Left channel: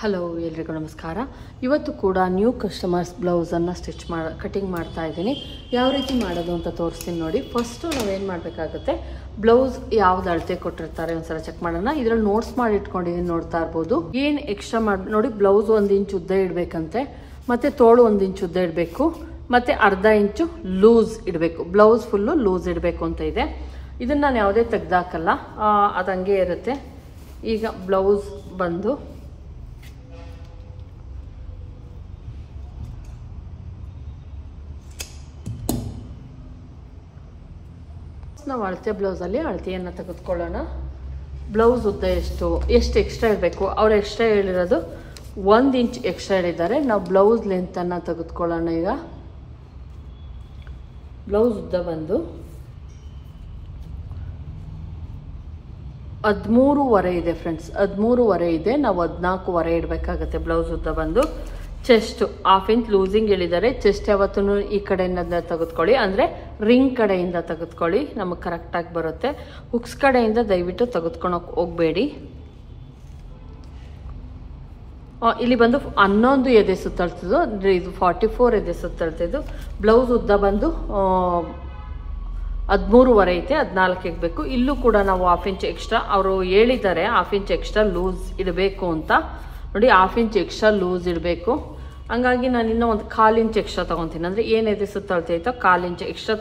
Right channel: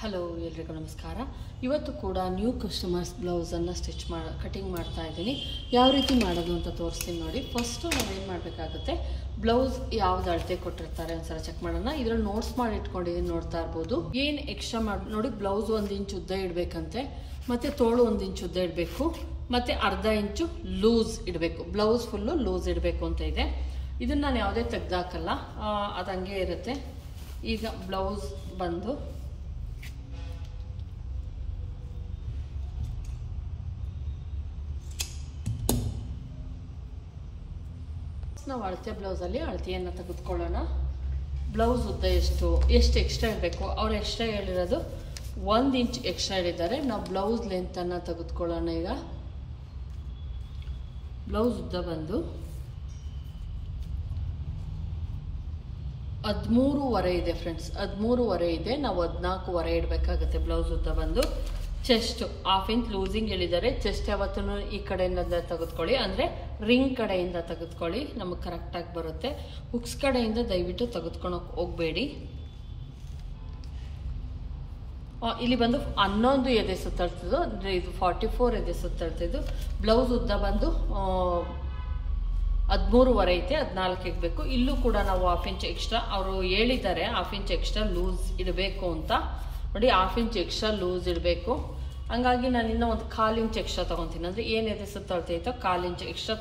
Hello ಎಲ್ರಿಗೂ ನಮಸ್ಕಾರ. ಇವತ್ತು ಕೂಡ ನ್ಯೂ ಕಸ್ಟಮರ್ಸ್ ಬ್ಲೌಸನ್ನು ಕಟಿಂಗ್ ಮಾಡ್ತಾ ಇದ್ದೀನಿ. ಯಾವ ರೀತಿ ಮಾಡೋದು ಅಂತ ತೋರಿಸ್ತೀನಿ ನೋಡಿ. ಫಸ್ಟು ನಾವೇನು ಮಾಡಬೇಕಾಗುತ್ತೆ, ಬ್ಲೌಸ್ ಯಾವ್ದು ಅಳತೆ ಕೊಟ್ಟಿರ್ತಾರೆ ಒಂದ್ಸಲ ಚೆಕ್ ಮಾಡೋಣ. ಇದರಲ್ಲಿ ನೋಟ್ಸ್ ಮಾಡಿ ಇಟ್ಕೊಂಡಿದ್ದೀನಿ, ನೋಡ್ತಾ ಇರ್ಬೋದು. ಏನು ಎಕ್ಸ್ಟ್ರಾ ಮಾಡಿ ನೋಡಿ, ಬ್ಲೌಸ್ 1 ಇಂಚ್ ಉದ್ದ ಇಡಬೇಕಂತೆ, ಮತ್ತು ತೋಳು 1 ಇಂಚ್ ಉದ್ದ ಇಡಬೇಕು, ಮತ್ತು ಅರ್ಧ ಇಂಚು ಲೂಸ್ ಇಡಬೇಕು. ಬ್ಲೌಸ್ ಫುಲ್ಲು ಲೂಸ್ ಇಡಬೇಕು ಅಂತ ಇದೆ. ಇದನ್ನು ನಾನು ಯಾವುದೇ ತೆಗ್ದಾಕಲ್ಲ, ಅದು ಹಂಗೆ ಇರುತ್ತೆ. ಈಗ ಬ್ಲೌಸ್ ಬಂದು ನಾವು ಅಳತೆ ಬ್ಲೌಸಲ್ಲಿ ಅಳತೆಯನ್ನು ತೆಗೆದುಕೊಳ್ಳೋಣ. ಬ್ಲೌಸ್ ಉದ್ದ ಎಷ್ಟು ಎಕ್ಸ್ಟ್ರಾ ಇರಬೇಕು, ಅವ್ರು ಎಕ್ಸ್ಟ್ರಾ ಹೇಳಿರೋದು 1 ಇಂಚ್ ಎಕ್ಸ್ಟ್ರಾ ಹೇಳಿದ್ದಾರೆ. ನಾವು ಬ್ಲೌಸ್ ಲೆಂತನ್ನು ತೆಗೆದುಕೊಳ್ಳೋಣ. ಈಗ ಬ್ಲೌಸ್ ಉದ್ದ ಬಂದು 13.5 ಇದೆ ಫ್ರೆಂಡ್ಸ್, 13.5 ಇದೆ. ನಾವು 14.5 ಇಡಬೇಕಾಗುತ್ತೆ. ಬ್ಲೌಸ್ ಉದ್ದ ಬಂದು ಚೆಸ್ಟ್ 1/2 ಇಂಚ್ ಲೂಸಿಂಗ್ ಹೇಳಿದ್ದಾರೆ. ಚೆಸ್ಟ್ ಯಾವತ್ತೂ ಈ ಕಡೆಯಿಂದ ತೆಗೆದುಕೊಳ್ಳಿ, ಅಂದರೆ ರಿಂಗ್ ಕಡೆಯಿಂದ ತೆಗೆದುಕೊಳ್ಳಿ, ನಮಗೆ ಕರೆಕ್ಟಾಗಿ ಬರುತ್ತೆ. ಹುಕ್ಸ್ ಕಡೆಯಿಂದ ದಯವಿಟ್ಟು ತೆಗೆದುಕೊಳಕ್ಕೆ ಹೋಗಬೇಡಿ. ಇಲ್ಲಿ ಬಂದು 11 ಎದೆ ಸುತ್ತಳ್ತಿದ್ದು, ಅಂದರೆ ಇದು 44 ಎದೆ ಸುತ್ತಳ್ತಿದ್ದು. ಬ್ಲೌಸ್ ಉದ್ದ ಬಂದು 13.5 ಐತೆ, 14 ಬೇಕು. ಇಲ್ಲೂ ಕೂಡ ನಾವು 1/2 ಇಂಚ್ ಎಕ್ಸ್ಟ್ರಾ, ಅವರು ಹೇಳಿದ್ದಾರೆ 1/2 ಇಂಚ್ ಎಕ್ಸ್ಟ್ರಾ ಲೂಸ್ ಇಡಬೇಕು ಅಂತ. ನೋಡಿ, 1/2 ಇಂಚ್ ಎಕ್ಸ್ಟ್ರಾ ಲೂಸ್ ಇಡಬೇಕು. ಹಂಗಾಗಿ ನಾನು ಇನ್ನೂ ಒಂದು 1/4 ಇಂಚ್ ಎಕ್ಸ್ಟ್ರಾ ತಗೊತೀನಿ, ಅಂದರೆ ಏನಿದೆ ಸುತ್ತಳ್ತೈತೋ 1/4 ಇಂಚ್ ಎಕ್ಸ್ಟ್ರಾ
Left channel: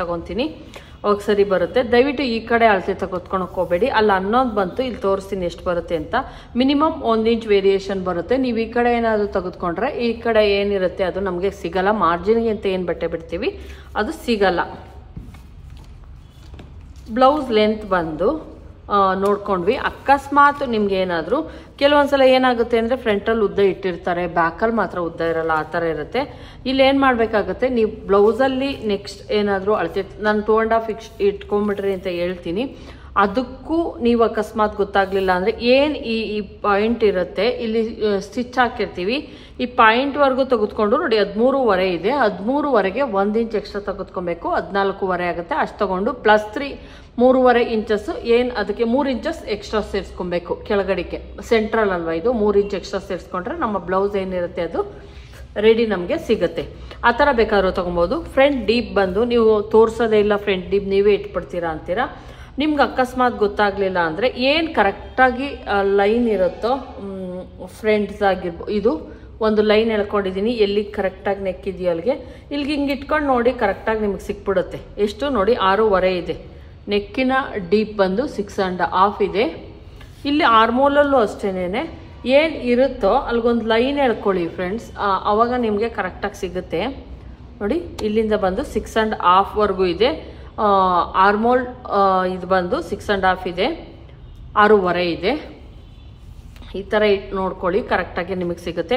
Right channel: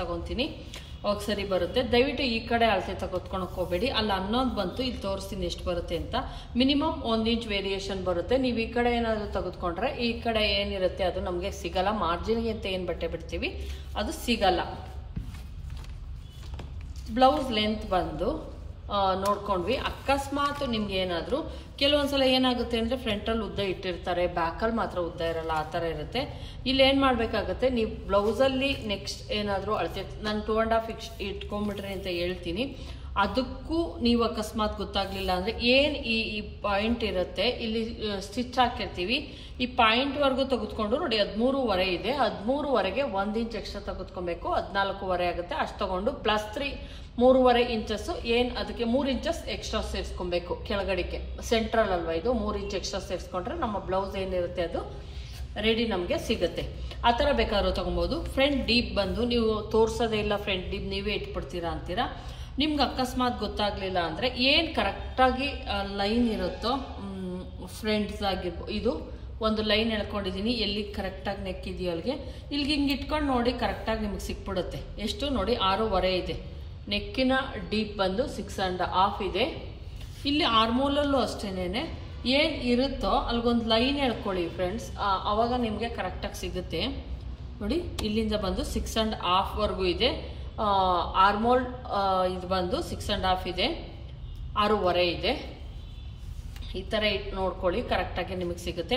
ತಗೊತೀನಿ. ಅವಾಗ ಸರಿ ಬರುತ್ತೆ. ದಯವಿಟ್ಟು ಈ ಕಡೆ ಅಳತೆ ತೆಗೆದುಕೊಳಕ್ಕೆ ಹೋಗಬೇಡಿ. ಅಲ್ಲಿ 11 ಬಂತು, ಇಲ್ಲಿ ತೋರಿಸ್ತೀನಿ ಎಷ್ಟು ಬರುತ್ತೆ ಅಂತ. ಮಿನಿಮಮ್ 1 ಇಂಚ್ ವೇರಿಯೇಷನ್ ಬರುತ್ತೆ. ನೀವು ಈ ಕಡೆ ಏನಾದರೂ ತೆಗೆದುಕೊಂಡ್ರೆ ಈ ಕಡೆ ಏನಿರುತ್ತೆ ಅದು ನಮಗೆ ಸಿಗಲ್ಲ. ಮಾರ್ಜಿನ್ಗೆ ಅಂತ ಏನು ಬಟ್ಟೆ ಬಿಡ್ತೀವಿ ಅದು ಸಿಗಲ್ಲ. ಬ್ಲೌಸ್ ಲೆಂತ್ ಬಂದು ನೋಡ್ಕೊಂಡ್ವಿ. ಅಕಸ್ಮಾತ್ ನಿಮ್ಗೆ ಏನಾದರೂ ಕೆಲವೊಂದ್ಸಲ ಏನಾಗುತ್ತೆ ಅಂದರೆ ಫ್ರಂಟಲ್ಲಿ ಉದ್ದ ಇಟ್ಟಿರ್ತಾರೆ, ಬ್ಯಾಕಲ್ಲಿ ಮಾತ್ರ ಉದ್ದ ಇರಲ್ಲ, ಆ ಥರ ಇರುತ್ತೆ. ಇಲ್ಲಿ ಏನು ಮಾಡಬೇಕಾಗುತ್ತೆ, ನೀವು ಬ್ಲೌಸಲ್ಲಿ ನೆಕ್ಸ್ಟ್ ಏನಾದರೂ ಅಳತೆ ನಾನು 2.5 ಇಟ್ಕೊಂಡ್ಬಿಟ್ರಿ ಅಂತ ಹೇಳ್ತೀನಿ. ಅದಕ್ಕೂ ನೀವು ಅಕಸ್ಮಾತ್ ಗೊತ್ತಾಗ್ಲಿಲ್ಲ ಅಂದರೆ ಏನು ಈ ಪಾಯಿಂಟ್ ಇರುತ್ತೆ, ಇಲ್ಲಿ ಸ್ಟಿಚ್ ಹಾಕಿರ್ತೀವಿ, ಈ ಪಾಯಿಂಟ್ವರೆಗೂ ತೆಗೆದುಕೊಂಡು ನೋಡಿ 13.5 ಇದೆ. 13.5ಗೆ 1 ಇಂಚ್ ಎಕ್ಸ್ಟ್ರಾ ತೆಗೆದುಕೊಬೇಕು, 14.5 ಆಗುತ್ತೆ. ಅಷ್ಟು ತಗೊಂಡು +3 3.5 ಇಂಚಸ್ ಏನು ಅದಕ್ಕೆ 3 ಇಂಚಸ್ ಎಕ್ಸ್ಟ್ರಾ ಸೇರಿಸ್ಕೊಬೇಕು ಕೆಳಗಡೆಗೆ. ಸೆಂಟ್ರಲ್ ಅಲ್ವಾ ಇದು, 3 ಇಂಚ್ ಎಕ್ಸ್ಟ್ರಾ ಸೇರಿಸ್ಕೊಂಡ್ರೆ ನಮ್ಮ ಬ್ಲೌಸ್ ಏನಿರುತ್ತೆ ಅದು ರೆಡಿ ನಮಗೆ ಸಿಗುತ್ತೆ. ಆ ಥರ ಬೇಕಾದ್ರೂ ತೊಗೊಬೋದು. ಫ್ರಂಟ್ ಡೀಪ್ ಬಂದು ನೀವು ತೋರಿಸೋದೇ ಇಲ್ಲ, ಫ್ರಂಟ್ ಡೀಪ್ ನೀವೇ ಇಟ್ಬಿಡ್ತೀರಾ ಅಂತೀರಾ. ನಿಮ್ಗೆ ಅಕಸ್ಮಾತ್ ಗೊತ್ತಾಗಲಿಲ್ಲ ಅಂದರೆ ಏನು ಕರೆಕ್ಟಾಗಿ ಲೈನ್ ಇರುತ್ತೋ ಫ್ರಂಟ್ಸ್ ಆಗಿರ್ಬೋದು, ಇದು ಒಂದು ಲೈನ್ ಎಳ್ಕೊಂಡಿದ್ದೀನಿ, ಎಲ್ಲಿ ಕರೆಕ್ಟಾಗಿ ನೆಕ್ಕಿದೆಯೋ ಅಲ್ಲಿಗೆ ಇಲ್ಲಿಗೆ ಹಿಂಗೆ ಇಟ್ಕೊಂಡು ನೋಡಿ, ಕರೆಕ್ಟಾಗಿ ನಿಮಗೆ ಸಿಕ್ಬಿಡುತ್ತೆ. ಎಷ್ಟು ನೋಡಿ 6.5 ಇದೆ. ನೆಕ್ಕಿನ ಡೀಪ್ ಬಂದು 6.5 ಇದೆ. ಇಲ್ಲಿ ಆರ್ಮೋಲಲ್ಲೂ ಅಷ್ಟೇನೆ ಏನು ಇರುತ್ತೋ ಅಲ್ಲಿಗೊಂದು ಲೈನ್ ಎಳ್ಕೊಳ್ಳಿ ಫ್ರೆಂಡ್ಸ್, ಆವಾಗ ನಿಮಗೆ ಕರೆಕ್ಟಾಗಿ ಸಿಗುತ್ತೆ. ನೋಡಿ, ಇಲ್ಲಿಂದ ಬಂದು 6.5ವರೆಗೂ ಇದೆ. ಆರ್ಮೋಲ್ ಇದು ಬಂದು 6.5 ಇದೆ, 6.5 ಇದೆ. ಈ ಥರ ಇಟ್ಟು ನೋಡ್ಕೊಳ್ಳಿ, ಕರೆಕ್ಟಾಗಿ ನಿಮಗೆ ಸಿಗುತ್ತೆ.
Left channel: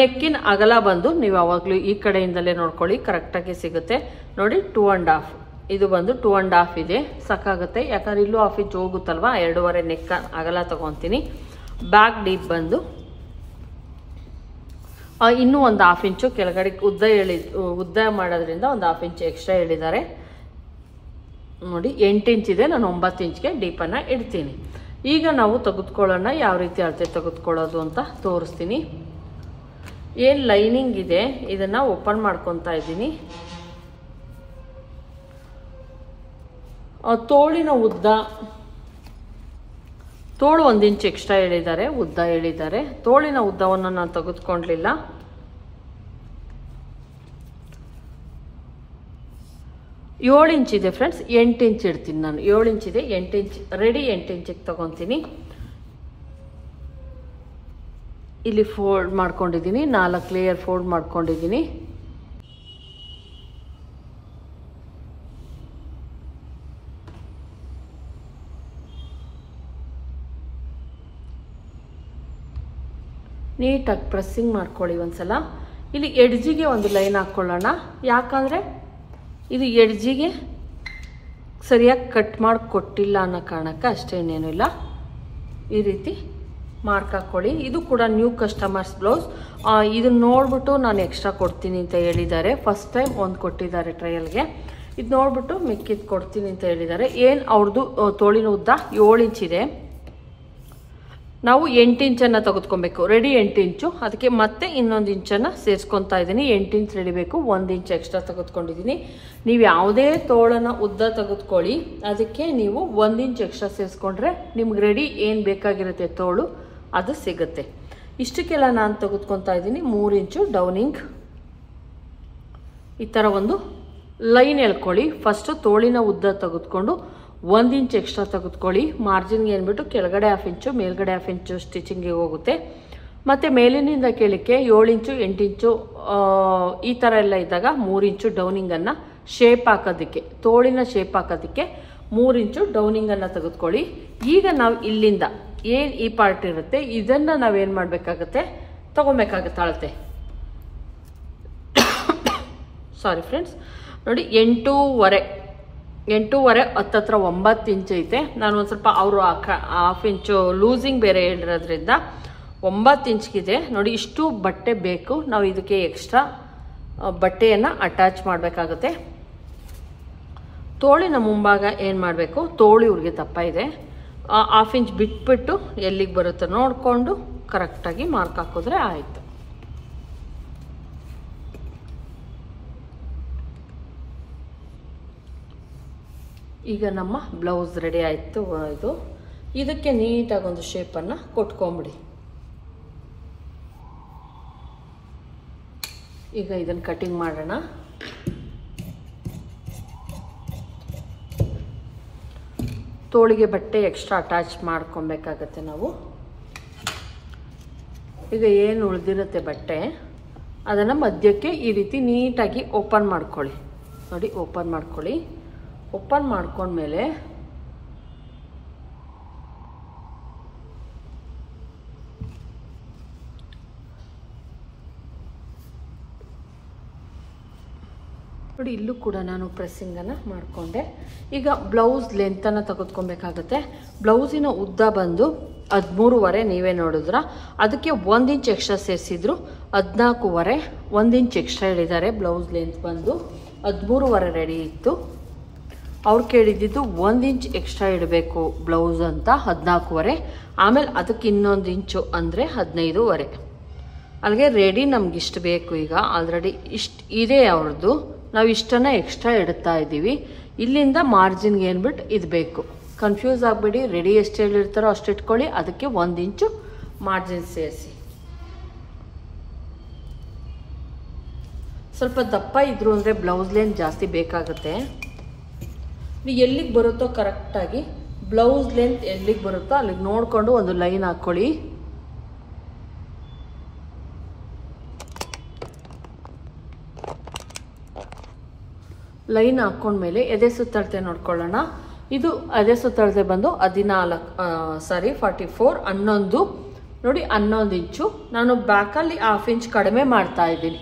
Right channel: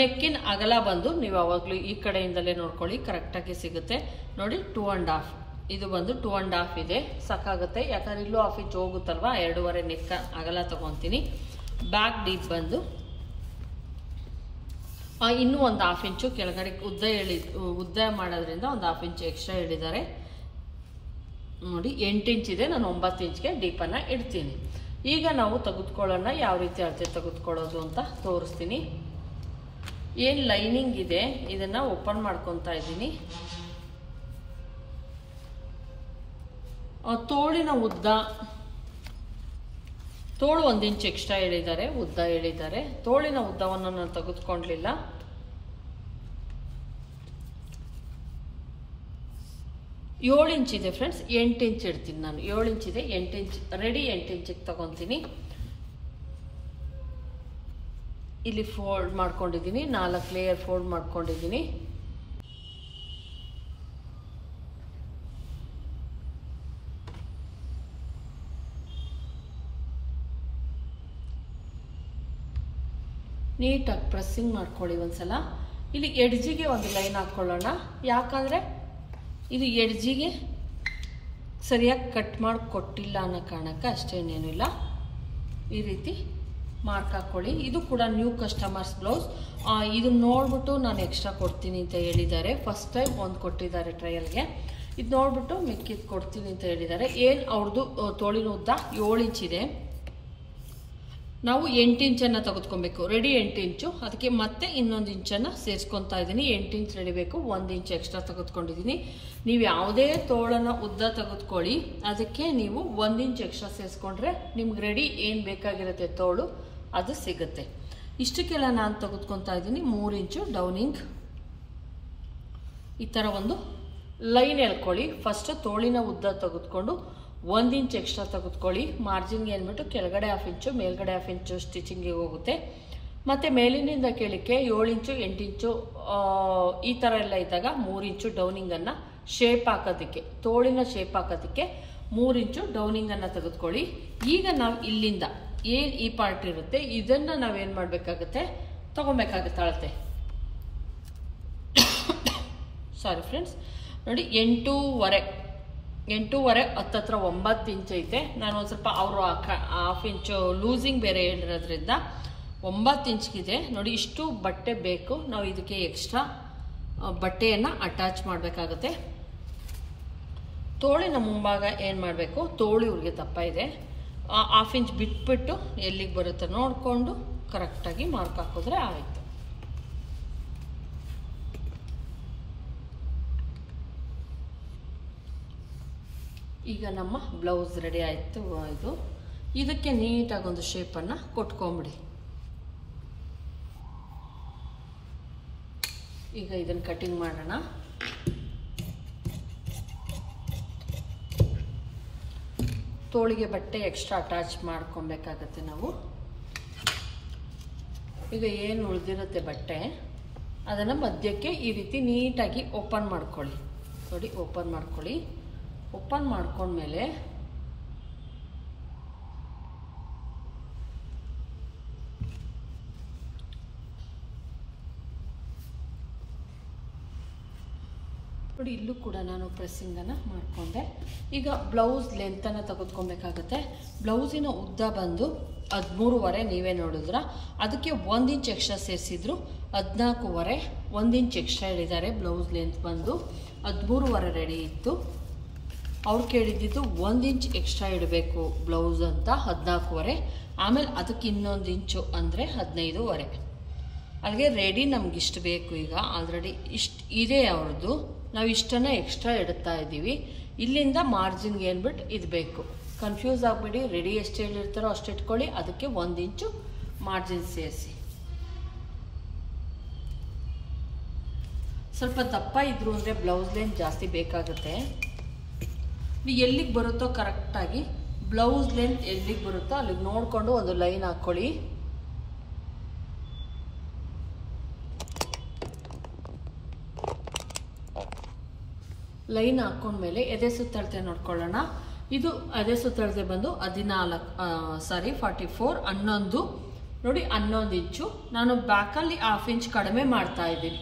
ನೆಕ್ಕಿನ ಅಗಲ ಬಂದು ನೀವು ಯಾವಾಗಲೂ ಈ ಕಡೆಯಿಂದಲೇ ನೋಡ್ಕೊಳ್ಳಿ, ಕರೆಕ್ಟಾಗಿ ಸಿಗುತ್ತೆ. ನೋಡಿ 2.5, ಇದು ಬಂದು 2.5 ಇದೆ, ಸಾಕಾಗುತ್ತೆ. ಯಾಕಂದ್ರೆ ಇಲ್ಲೂ 1/2 ಇಂಚ್ ಹೋಗುತ್ತಲ್ವಾ, 2.5 ನೆಕ್ ಅಗಲ ತಗೊತೀನಿ. ಬ್ಯಾಕ್ ಡೀಪ್ ಬಂದು ಇನ್ನೂ ಒಂದು 1/2 ಇಂಚು ಕೆಳಗಡೆ ಉದ್ದ ಮಾಡೋದ್ರಿಂದ ಒಂದು 1/2 ಇಂಚ್ ಎಕ್ಸ್ಟ್ರಾ ಹೇಳಿದ್ದಾರೆ. ನೋಡಿ 8 ಇಂಚ್ ಇದೆ, ನಾನು 9 ಇಂಚ್ಗೆ ಡೀಪನ್ನು ಇಡ್ತೀನಿ. ಈಗ ನಾವು ತೆಗೆದುಕೊಳ್ಳೋಣ, ಯಾವ ರೀತಿ ಅಳತೆ ತೆಗೆದುಕೊಳ್ಳೋದು ಅಂತ ತೋರಿಸ್ತೀನಿ. ಏನು ಲೈನಿಂಗ್ ಇದೆ ಇದನ್ನು ಓಪನ್ ಮಾಡ್ಕೊತಾ ಇದ್ದೀನಿ. ತೋಳಿನ ಉದ್ದ, ತೋಳು 1 ಇಂಚ್ ಎಕ್ಸ್ಟ್ರಾ ಹೇಳಿದ್ದಾರೆ, ಉದ್ದ ಹೇಳಿದ್ದಾರೆ. ತೋಳಿನ ಉದ್ದವನ್ನು ನಾನು ತೆಗೆದುಕೊಳ್ಳಲಿಲ್ಲ. ಏಳು ಇಂಚ್ ಇದೆ ಫ್ರೆಂಡ್ಸ್, 8 ಇಂಚ್ ಇಡ್ತೀನಿ ನಾನು. 7 ಇಂಚ್ ಇದೆ, 8 ಇಂಚ್ ರೆಡಿ, 8 ಇಂಚಿಗೆ ತಗೊತೀನಿ. ಇಲ್ಲಿ ಫೋಲ್ಡ್ ಮಾಡ್ಕೊಂಡಿದ್ದೀನಿ, 4 ಲೇಯರ್ ಫೋಲ್ಡ್ ಮಾಡ್ಕೊಂಡಿದ್ದೀನಿ. ನೀಟಾಗಿ ಪ್ರೆಸ್ಸಿಂಗ್ ಮಾಡ್ಕೊಳ್ಳಿ ಒಂದ್ಸಲ. ಇಲ್ಲಿ ಎಡ್ಜಿಗೆ ಒಂದು ಲೈನ್ ಹಾಕ್ಕೊಳ್ಳೋಣ, ಯಾಕಂದರೆ ಇದು ಎಡ್ಜಿಗೆ ಸರಿಯಾಗಿ ಕಟ್ ಮಾಡಿ ಕೊಟ್ಟಿಲ್ಲ ಅನ್ನೋ ಕಾರಣಕ್ಕೆ, ಅಷ್ಟೇನೇನು ಇಲ್ಲ. ಈ ರೀತಿ ಮಾರ್ಕ್ ಹಾಕ್ಕೊಳ್ಳಿ. ಇದು ಕೂಡ ನ್ಯೂ ಕಸ್ಟಮರ್ಸ್ ಬ್ಲೌಸ್. ಇದನ್ನ ನೋಡ್ಬಿಟ್ಟು ನಾನು ಎಕ್ಸ್ಟ್ರಾ ಕೊಡ್ತೀನಿ ಅಂತ ಹೇಳಿದ್ದಾರೆ. ಫಸ್ಟ್ ಟೈಮ್ ಒಂದು ಕೊಟ್ಟಿದ್ದಾರೆ ಟ್ರಯಲ್ಗೆ. ಇದು ನೋಡ್ಬಿಟ್ಟು ಮಿಕ್ಕಿದ್ ಕೊಡ್ತೀನಿ ಅಂತ ಹೇಳಿದ್ದಾರೆ. ಏನು ಅವ್ರದ್ದು ತೋಳಿನ ಉದ್ದ 7 ಇಂಚ್ ಇದೆ. ನಾವು 8 ಇಂಚನ್ನು ತೆಗೆದುಕೊಬೇಕು. ರೆಡಿ 8 ಇಂಚು, ಅದಕ್ಕೆ ಮತ್ತೆ ಇನ್ನೊಂದು ಇಂಚನ್ನು ಸೇರಿಸ್ಕೊತಾ ಇದ್ದೀನಿ. 8 ಇಂಚ್ ರೆಡಿ ಬೇಕು, 1 ಇಂಚ್ ಎಕ್ಸ್ಟ್ರಾ ತೆಗೆದುಕೊಂಡಿದ್ದೀನಿ. ನೀವು ಯಾವುದೇ ತೋಳನ ಉದ್ದ ತೆಗೆದುಕೊಳ್ಳಿ, ಅದಕ್ಕೆ ನೀವು 1 ಇಂಚ್ ಎಕ್ಸ್ಟ್ರಾ ಸೇರಿಸ್ಕೊಂಡ್ರೆ ನಿಮ್ಗೆ ರೆಡಿ ಏನು ಬೇಕಾಗಿರುತ್ತೆ ತೋಳು ಅದು ಸಿಗುತ್ತೆ. ಇಷ್ಟಕ್ಕೆಲ್ಲ ನಾನು ತೆಗೆದುಕೊತಾ ಇದ್ದೀನಿ 3 ಇಂಚು ಡೌನಿಂಗ್. ಈ ಥರ ಒಂದು ಲೈನ್ ಎಳ್ಕೊಳ್ಳಿ. ಫಸ್ಟು ತೋಳಿನ ಉದ್ದ ತೆಗೆದುಕೊಂಡು 1 ಇಂಚ್ ಎಕ್ಸ್ಟ್ರಾ ತೆಗೆದುಕೊಳ್ಳಿ. ಮಾರ್ಜಿನ್ಗೆ ಅಂದ್ಬಿಟ್ಟು ಕೆಳಗಡೆ 1/2 ಇಂಚು, ಮೇಲ್ಗಡೆ 1/2 ಇಂಚು ಸ್ಟಿಚಿಂಗಿಗೆ ಹೋಗುತ್ತೆ. ಮತ್ತು ಮೇಲಿನಿಂದ ಕೆಳಕ್ಕೆ 7 ಇಂಚು 8 ಇಂಚು ಈ ಥರ ಎಲ್ಲ ಇದ್ದಾಗ 3 ಇಂಚು ಡೌನಿಂಗನ್ನು ಶೇಪ್ ಹಾಕೋದಕ್ಕೆ, ತೋಳಿನ ಶೇಪ್ ಹಾಕೋದಕ್ಕೆ 3 ಇಂಚು ಡೌನಿಂಗನ್ನು ತೆಗೆದುಕೊಳ್ಳಿ. ಈಗ ನಾವು ಇಲ್ಲಿಂದ ಏನು ಈ ಪಾರ್ಟ್ ಇರುತ್ತೆ ಇದನ್ನು ನಾವೇನು ಮಾಡಬೇಕಾಗತ್ತೆ, ತಗೊಬೇಕಾಗತ್ತೆ ಅಳತೆ. ಸಾರಿ ಫ್ರೆಂಡ್ಸ್, ನೋಡಿ 8.5 ಹತ್ತತ್ರ 9 ಇಂಚ್ ಐತೆ. ನಾನು ಒಂದು ಸ್ವಲ್ಪ ಅವರು 1/2 ಇಂಚು ಲೂಸಿಂಗ್ ಬೇರೆ ಹೇಳಿರೋದ್ರಿಂದ 9 ಇಂಚ್ಗಿದೆ. ನೋಡಿ ಇಷ್ಟು ಬಟ್ಟೆ ಬೇಕು. ನಾವು ಇದಕ್ಕೆ ಎಕ್ಸ್ಟ್ರಾ ಬಟ್ಟೆಯನ್ನು ಅಟ್ಯಾಚ್ ಮಾಡಬೇಕಾಗುತ್ತೆ. ತೋಳಿನ ಮುಂಭಾಗ ಏನು ಮಾಡಬೇಕು, ತೋಳು ಇವ್ರಿಗೆ ದಪ್ಪ ಇದೆ, 1/2 ಇಂಚ್ ಬಿಟ್ಬಿಟ್ಟು ಎಲ್ಲಿಗೆ ಬರುತ್ತೆ ನೋಡಿಕೊಂಡು ಕರೆಕ್ಟಾಗಿ ಮಾರ್ಕ್ ಹಾಕಿದ್ರೆ ಆಯಿತು. ಈಗ ನಮ್ಮ ಬ್ಲೌಸ್ ರೆಡಿ ಆಯಿತು. ಇದಕ್ಕೆ ನೀಟಾಗಿ ಒಂದು ಶೇಪನ್ನು ಕೊಟ್ಕೊಂಬಿಡಿ. ಈಗ ಇದನ್ನು ಕಟಿಂಗ್ ಮಾಡೋಣ. ತೋಳಿಗೆ ಬಟ್ಟೆ ಎಕ್ಸ್ಟ್ರಾ ಅಟ್ಯಾಚ್ ಮಾಡ್ಕೊಬೇಕಾಗತ್ತೆ ನಾವು. ಈಗ ಏನು ಉಳಿದಿರುತ್ತೆ ಬಟ್ಟೆ ಅದನ್ನು ಮಧ್ಯಕ್ಕೆ ಈ ರೀತಿ ನೀಟಾಗಿ ಓಪನ್ ಮಾಡ್ಕೊಳ್ಳಿ. ನೋಡಿ ಓಪನ್ ಮಾಡ್ಕೊಳ್ಳಿ. ಓಪನ್ ಮಾಡ್ಕೊಂಡ್ಮೇಲೆ ನೋಡಿ ಇಲ್ಲೂ ಕೂಡ ನಾನು ಪ್ರೆಸ್ಸಿಂಗನ್ನು ಮಾಡಿಕೊಂಡೆ. ಈಗ ಬ್ಲೌಸ್ ಲೆಂತನ್ನು ತೆಗೆದುಕೊಬೇಕಾಗತ್ತೆ. ಬ್ಲೌಸಿನ ಉದ್ದ ಬಂದು 13.5 ನೀವೇ ನೋಡಿದ್ರ, ಅದಕ್ಕೆ 1 ಇಂಚ್ ಎಕ್ಸ್ಟ್ರಾ ಸೇರಿಸಿದ್ರು 14.5, 1 ಇಂಚ್ ಎಕ್ಸ್ಟ್ರಾ ಹೇಳಿದ್ದಾರೆ. ಬ್ಲೌಸ್ ಲೆಂತ್ ಬಂದು 13.5 ರೆಡಿ ಇತ್ತು. ಅವ್ರು ಕೇಳಿದ್ದು 1 ಇಂಚ್ ಎಕ್ಸ್ಟ್ರಾ ಇಡಬೇಕು ಬ್ಲೌಸ್ ಅಂತ 14.5, ಆಮೇಲೆ ಅದಕ್ಕೆ ಇನ್ನೊಂದು ಇಂಚು ಅಂದರೆ 15.5. ಅಲ್ಲಿಗೆ ರೆಡಿ ನಮ್ಗಿಷ್ಟು ಬೇಕು. ಈಗ ಆಲ್ರೆಡಿ ಇಷ್ಟು ಇದೆ ಅವ್ರದ್ದು, ನಾವು ಇಷ್ಟನ್ನು ಎಕ್ಸ್ಟ್ರಾ ಇಡ್ತಾ ಇದ್ದೀವಿ. ಇಲ್ಲಿಂದ ಮಾರ್ಜಿನ್ಗೆ ಏನ್ಬಿಟ್ಟು ಇದು ಬೇಕು, ಕನ್ಫ್ಯೂಸ್ ಆಗಬೇಡಿ. ರೆಡಿ ಎಷ್ಟು ಹೇಳಿರ್ತಾರೋ ಅಷ್ಟು ಇಟ್ಕೊಳ್ಳಿ, ಅದಕ್ಕೆ 1 ಇಂಚು ಮಾರ್ಜಿನ್ ಸೇರಿಸಿ. ಸ್ವಲ್ಪ ದಪ್ಪ ಇದ್ರು ಅಂದರೆ ಬ್ಲೌಸ್ ಲೇನ್ ಜಾಸ್ತಿ ಬೇಕಾಗುತ್ತೆ. ಎಲ್ಲಿಗೆ ಬರುತ್ತೋ ಕರೆಕ್ಟಾಗಿ ಬ್ಲೌಸ್ ಲೆಂತ್ ಎಲ್ಲಿಗೆ ಬರುತ್ತೋ ಅಲ್ಲಿಗೆ ನೋಡಿಕೊಂಡು ಒಂದು ಲೈನ್ ಹಾಕ್ಕೊಳ್ಳಿ. ಲೈನ್ ಹಾಕೊಂಡ್ಮೇಲೆ ಎದೆ ಸುತ್ತಳತೆ ನೋಡ್ಕೊಳ್ಳೋಣ. ಇದು ಎದೆ ಸುತ್ತಳತೆ ಬಂದು 44 11 ನೋಡಿ 11 ಇಂಚು. ನಾನು ಬ್ಯಾಕಲ್ಲಿ 1/2 ಇಂಚ್ ಕಡಿಮೆ ಮಾಡ್ತಾ ಇದ್ದೀನಿ.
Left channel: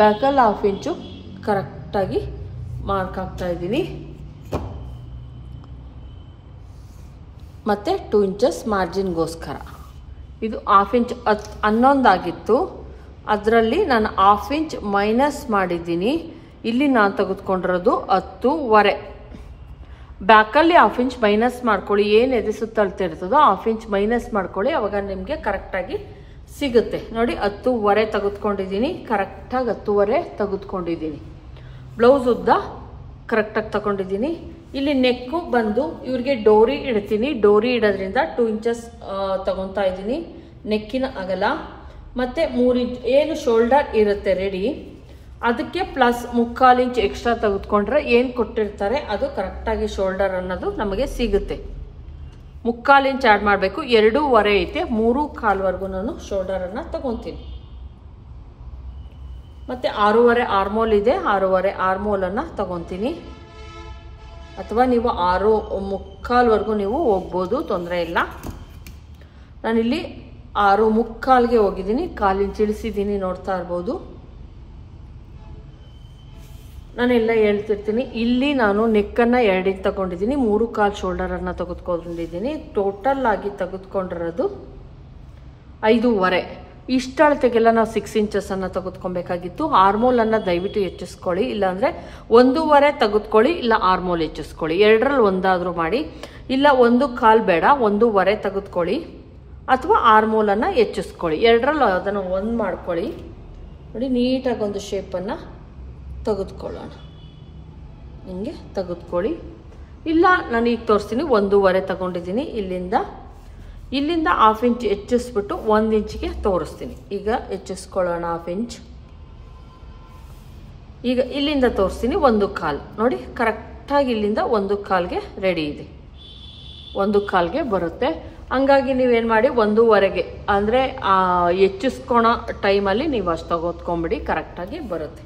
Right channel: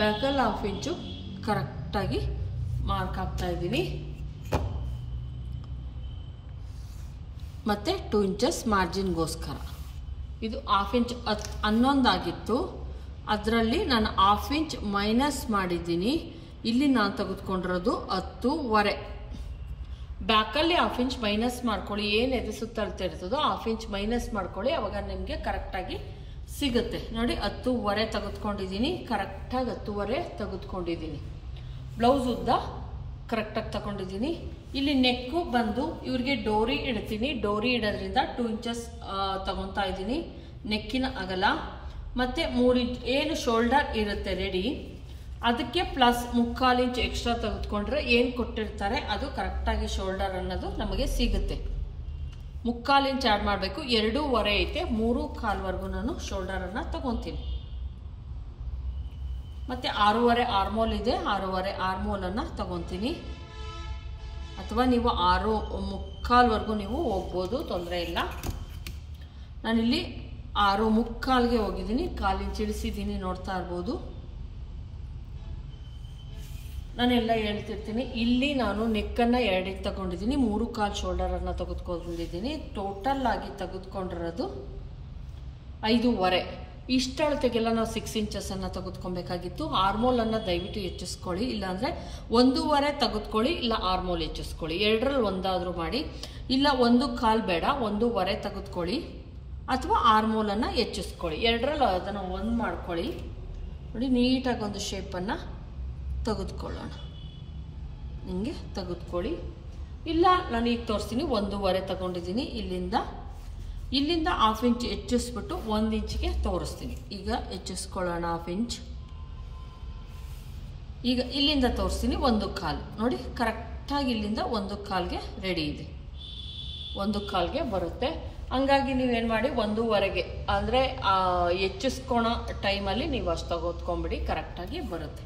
ಬ್ಯಾಕಲ್ಲಿ 1/2 ಇಂಚು ಕರೆಕ್ಟಾಗಿ ಮಾರ್ಕ್ ಹಾಕ್ತಾ ಇದ್ದೀನಿ. ಮತ್ತು 2 ಇಂಚಸ್ ಮಾರ್ಜಿನ್ಗೋಸ್ಕರ. ಇದು 1/2 ಇಂಚ್ 11 ಆಗಿತ್ತು, ಅದರಲ್ಲಿ ನಾನು 1/2 ಇಂಚ್ ಮೈನಸ್ ಮಾಡಿದ್ದೀನಿ. ಇಲ್ಲಿ ನಾನು ತೆಗೆದುಕೊಂಡಿರೋದು 10.5. ಬ್ಯಾಕಲ್ಲಿ 1/2 ಇಂಚ್ ಮೈನಸ್ ಮಾಡ್ಕೊಳ್ಳಿ. ಏನು ಎದೆ ಸುತ್ತಳತೆ ಇರ್ತದೋ 1/2 ಇಂಚ್ ಮೈನಸ್ ಮಾಡ್ಕೊಳ್ಳಿ, ಅವಾಗ ನಿಮಗೆ ಕರೆಕ್ಟಾಗಿ ಸಿಗುತ್ತೆ. ನೋಡಿ 10.5 ತೆಗೆದುಕೊಂಡಿದ್ದೀನಿ, ಕರೆಕ್ಟಾಗಿ 10.5 ತೆಗೆದುಕೊಂಡಿದ್ದೀನಿ. ಬ್ಲೌಸ್ ಉದ್ದ ಕರೆಕ್ಟಾಗಿ ತಗೊಂಡಿದ್ದೀನಿ. ಇಲ್ಲಿ ನೆಕ್ಕು ಬಂದು ಇವ್ರಿಗೆ ಡೋರಿ ಇಡ್ತೀನಿ. ಡೋರಿ ಇಡೋದ್ರಿಂದ 2 ಇಂಚಸ್ ತಗೊತಾ ಇದ್ದೀನಿ ನೆಕ್ಕಿನ ಅಗಲ. ಮತ್ತು 3 ಇಂಚ್ ಏನು ಶೋಲ್ಡರ್ ಇರುತ್ತೆ ರೆಡಿ, ಅದಕ್ಕೆ ಪ್ಲಸ್ 3/4 ಇಂಚ್ ಎಕ್ಸ್ಟ್ರಾ ತೆಗೆದುಕೊಂಡ್ರೆ ಏನು ಕೊಟ್ಟಿರ್ತಾರೆ ಅದು ಕರೆಕ್ಟಾಗಿ ಶೋಲ್ಡರ್ ಅನ್ನೋದು ನಮಗೆ ಸಿಗುತ್ತೆ. 3/4 ಇಂಚ್ ಆ್ಯಡ್ ಮಾಡಬೇಕು. 2.5 ಐತೆ, 3/4ವರೆಗೂ ನಾನು ಶೋಲ್ಡರನ್ನು ತಗೊತೀನಿ. ಮತ್ತು 6.5 ಆರ್ಮೋಲ್ ಇದೆ, 6.5 ಆರ್ಮೋಲನ್ನು ತಗೊತೀನಿ. ಅಥವಾ ನೀವು 6.75ವರೆಗೂ ನೀವು ಹೋಗ್ಬೋದು, ತೊಂದರೆ ಇಲ್ಲ. ನಾನಿಲ್ಲಿ 6.75ಗೆ ಹೋಗಿದ್ದೀನಿ, 1/4 ಇಂಚ್ ಇಳಿಸಿದ್ದೀನಿ, ನೋಡ್ತಾ ಇರ್ಬೋದು. ನಾನೆಲ್ಲ ಹೇಳ್ತಿರ್ತೀನಿ. ಇಲ್ಲಿ ನಾನು ನೆಕ್ಕನ್ನು 2ಗೆ ತಗೊಂಡಿದ್ದೀನಿ, 3/4 ಶೋಲ್ಡರನ್ನು ತೆಗೆದುಕೊಂಡಿದ್ದೀನಿ. ಟೋಟಲ್ ಆಗಿ ತೆಗೆದುಕೊಂಡಿರೋದು 5.5. ಇಷ್ಟ ಅಳತೆಗೆಲ್ಲ ನಾವು 6 ಇಂಚಸ್ಸನ್ನು ತೆಗೆದುಕೊಬೇಕಾಗಿತ್ತು. ಆರ್ಮೋಲನ್ನು ದಯವಿಟ್ಟು ಹೆಚ್ಚಿಸ್ಕೊಳ್ಳಿ, ಇಲ್ಲಾಂದರೆ 1.5 ತೆಗೆದುಕೊಳ್ಳಿ, ಇಲ್ಲ ಆರ್ಮೋಲ್ ಹೆಚ್ಚಿಸ್ಕೊಳ್ಳಿ. 2ರಲ್ಲಿ ಒಂದಾದರೂ ಮಾಡಿ. ಇಲ್ಲ 1/4 ಬೇಡ, 1.5 ತೆಗೆದುಕೊಳ್ಳಿ. ಅಥವಾ ಆರ್ಮೋಲನ್ನು ಹೆಚ್ಚಿಸ್ಕೊಳ್ಳಿ. ಎರಡರಲ್ಲೂ ಅದನ್ನು ಒಂದು ಮಾಡ್ಕೊಳ್ಳಿ. ನೋಡಿ ನೀಟಾಗಿ ಒಂದು ಶೇಪನ್ನು ತೆಗೆದುಕೊಳ್ಳೋಣ. ಹಿಂಗೆ ತೆಗೆದುಕೊಳ್ಳಿ. ಇಲ್ಲ ನಾನು ಈಗ ತೋರಿಸ್ತೀನಿ, 1.5 ತಗೊಂಡಿದ್ದೀನಿ. ಇಲ್ಲಿಂದ 1/2 ಇಂಚ್ ಹೆಚ್ಚಿಸ್ಬಿಟ್ಟು 1 ಇಂಚಿಗೆ ತೋರಿಸ್ತೀನಿ. ಈಗ ಹೆಚ್ಚಿಸ್ಕೊಳ್ಳೋಣ 1/2 ಇಂಚ್. ಈಗ ಇಲ್ಲಿಂದ ತೋರಿಸ್ತೀನಿ 1/4. ನೋಡಿ ಕರೆಕ್ಟಾಗಿ ಇಲ್ಲಿಂದ 1/4ಗೆ ರೆಡಿ ಇದೆ, 1/4ಗೆ ಬರುತ್ತೆ. ಹಂಗಾಗಿ ನೀವೇನು ಮಾಡಿ 1.5ಗೆ ಅಂದರೆ ಹೆಚ್ಚಿಸ್ಕೊಳೋ ಟೈಮಲ್ಲಿ ನೀವು ಅಷ್ಟು ತಗೋತ್ಕೊಂಬಿಡಿ, ಕರೆಕ್ಟಾಗಿ ಬರುತ್ತೆ.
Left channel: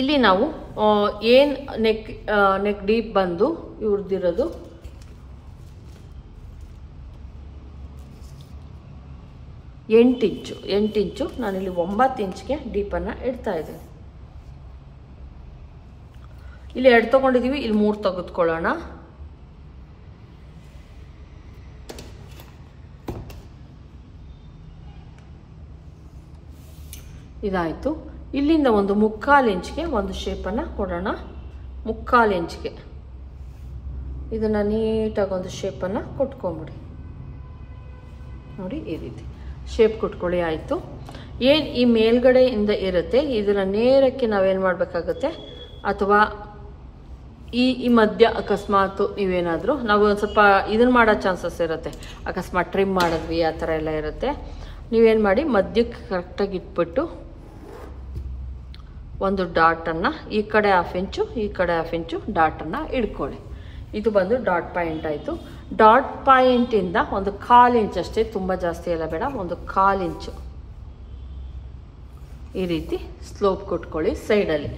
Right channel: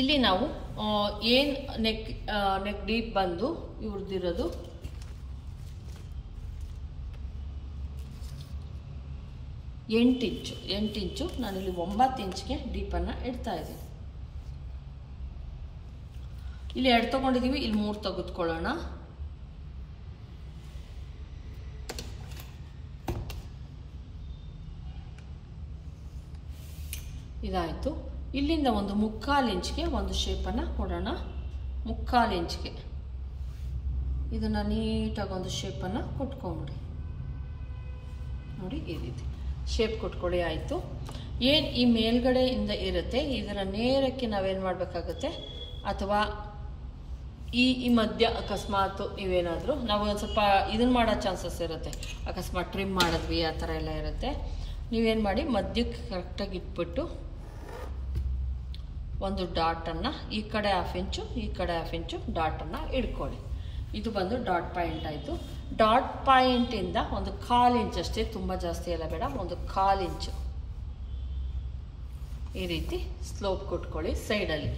ಇಲ್ಲಿ ನಾವು ಏನು ನೆಕ್ ಡೀಪ್ ಬಂದು ಇವ್ರದ್ದಿರೋದು 8 ಇಂಚು. ನಾನಿಲ್ಲಿ 9 ಇಂಚ್ಗೆ ಡೀಪನ್ನು ಇಡ್ತಾ ಇದ್ದೀನಿ. ಇಲ್ಲಿ 2 ತಗೊಂಡಿದ್ದೀವಿ, ಇಲ್ಲಿ 3 ತೆಗೆದುಕೊಳ್ಳೋಣ. ಇದಾಯಿತು. ಇಲ್ಲಿಂದ ಒಂದು 3/4 ಇಂಚ್ಗೆ ಒಂದು ಶೇಪನ್ನು ಕೊಡೋಣ. 3/4 ಇಂಚ್ಗೆ ಇದನ್ನು ನೀಟಾಗಿ ಒಂದು ಶೇಪನ್ನು ಕೊಟ್ಕೊಂಬಿಡಿ. ನೋಡಿ ಈ ರೀತಿ ಶೇಪ್ ಕೊಟ್ಕೊಳ್ಳಿ. ಆಯಿತು. ಏನು ಈ ಮೇಲ್ಗಡೆಯಿಂದ ಇರುತ್ತೆ ಇದನ್ನು ನೇರಕ್ಕೆ ನಾವೇನು ಮಾಡಬೇಕಾಗುತ್ತೆ, ಅಥವಾ ಈ ಮಧ್ಯ ಅಕಸ್ಮಾತ್ ನೀವೇನಾದರೂ ನಾವು ಒಂದು ಸ್ವಲ್ಪ ಇದನ್ನು ಮಾಡೋ ಚಾನ್ಸಸ್ ಇರುತ್ತೆ. ಅಕಸ್ಮಾತ್ ಟ್ರಿಮ್ ಮಾಡಿದ್ವಿ ಆ ಥರ ಎಲ್ಲ ಇರುತ್ತೆ. ನೀವೇನು ಮಾಡಿ ಮಧ್ಯಕ್ಕೆ ಕರೆಕ್ಟಾಗಿ ಇಟ್ಬಿಟ್ಟು ಒಂದು ಡಾಟನ್ನು ಈ ಕಡೆ 1/2 ಇಂಚು ಈ ಕಡೆ 1/2 ಇಂಚು ಡಾಟನ್ನು ಇಟ್ಕೊಳ್ಳಿ. ಇದು ಬಂದು ಡಾಟ್ ಪಾಯಿಂಟ್ ಆಯಿತು. ಡಾಟ್ ಪಾಯಿಂಟಿಂದ ಒಂದು 1/4 ಇಂಚ್ ಅಷ್ಟೇ, ತುಂಬ ಜಾಸ್ತಿ ಎಲ್ಲ ಬೇಡ, ಒಂದು 1/4 ಇಂಚು ಈ ರೀತಿ ಸ್ಲೋಪ್ ಕೊಟ್ಕೊಳ್ಳಿ ಸೈಡಲ್ಲಿ.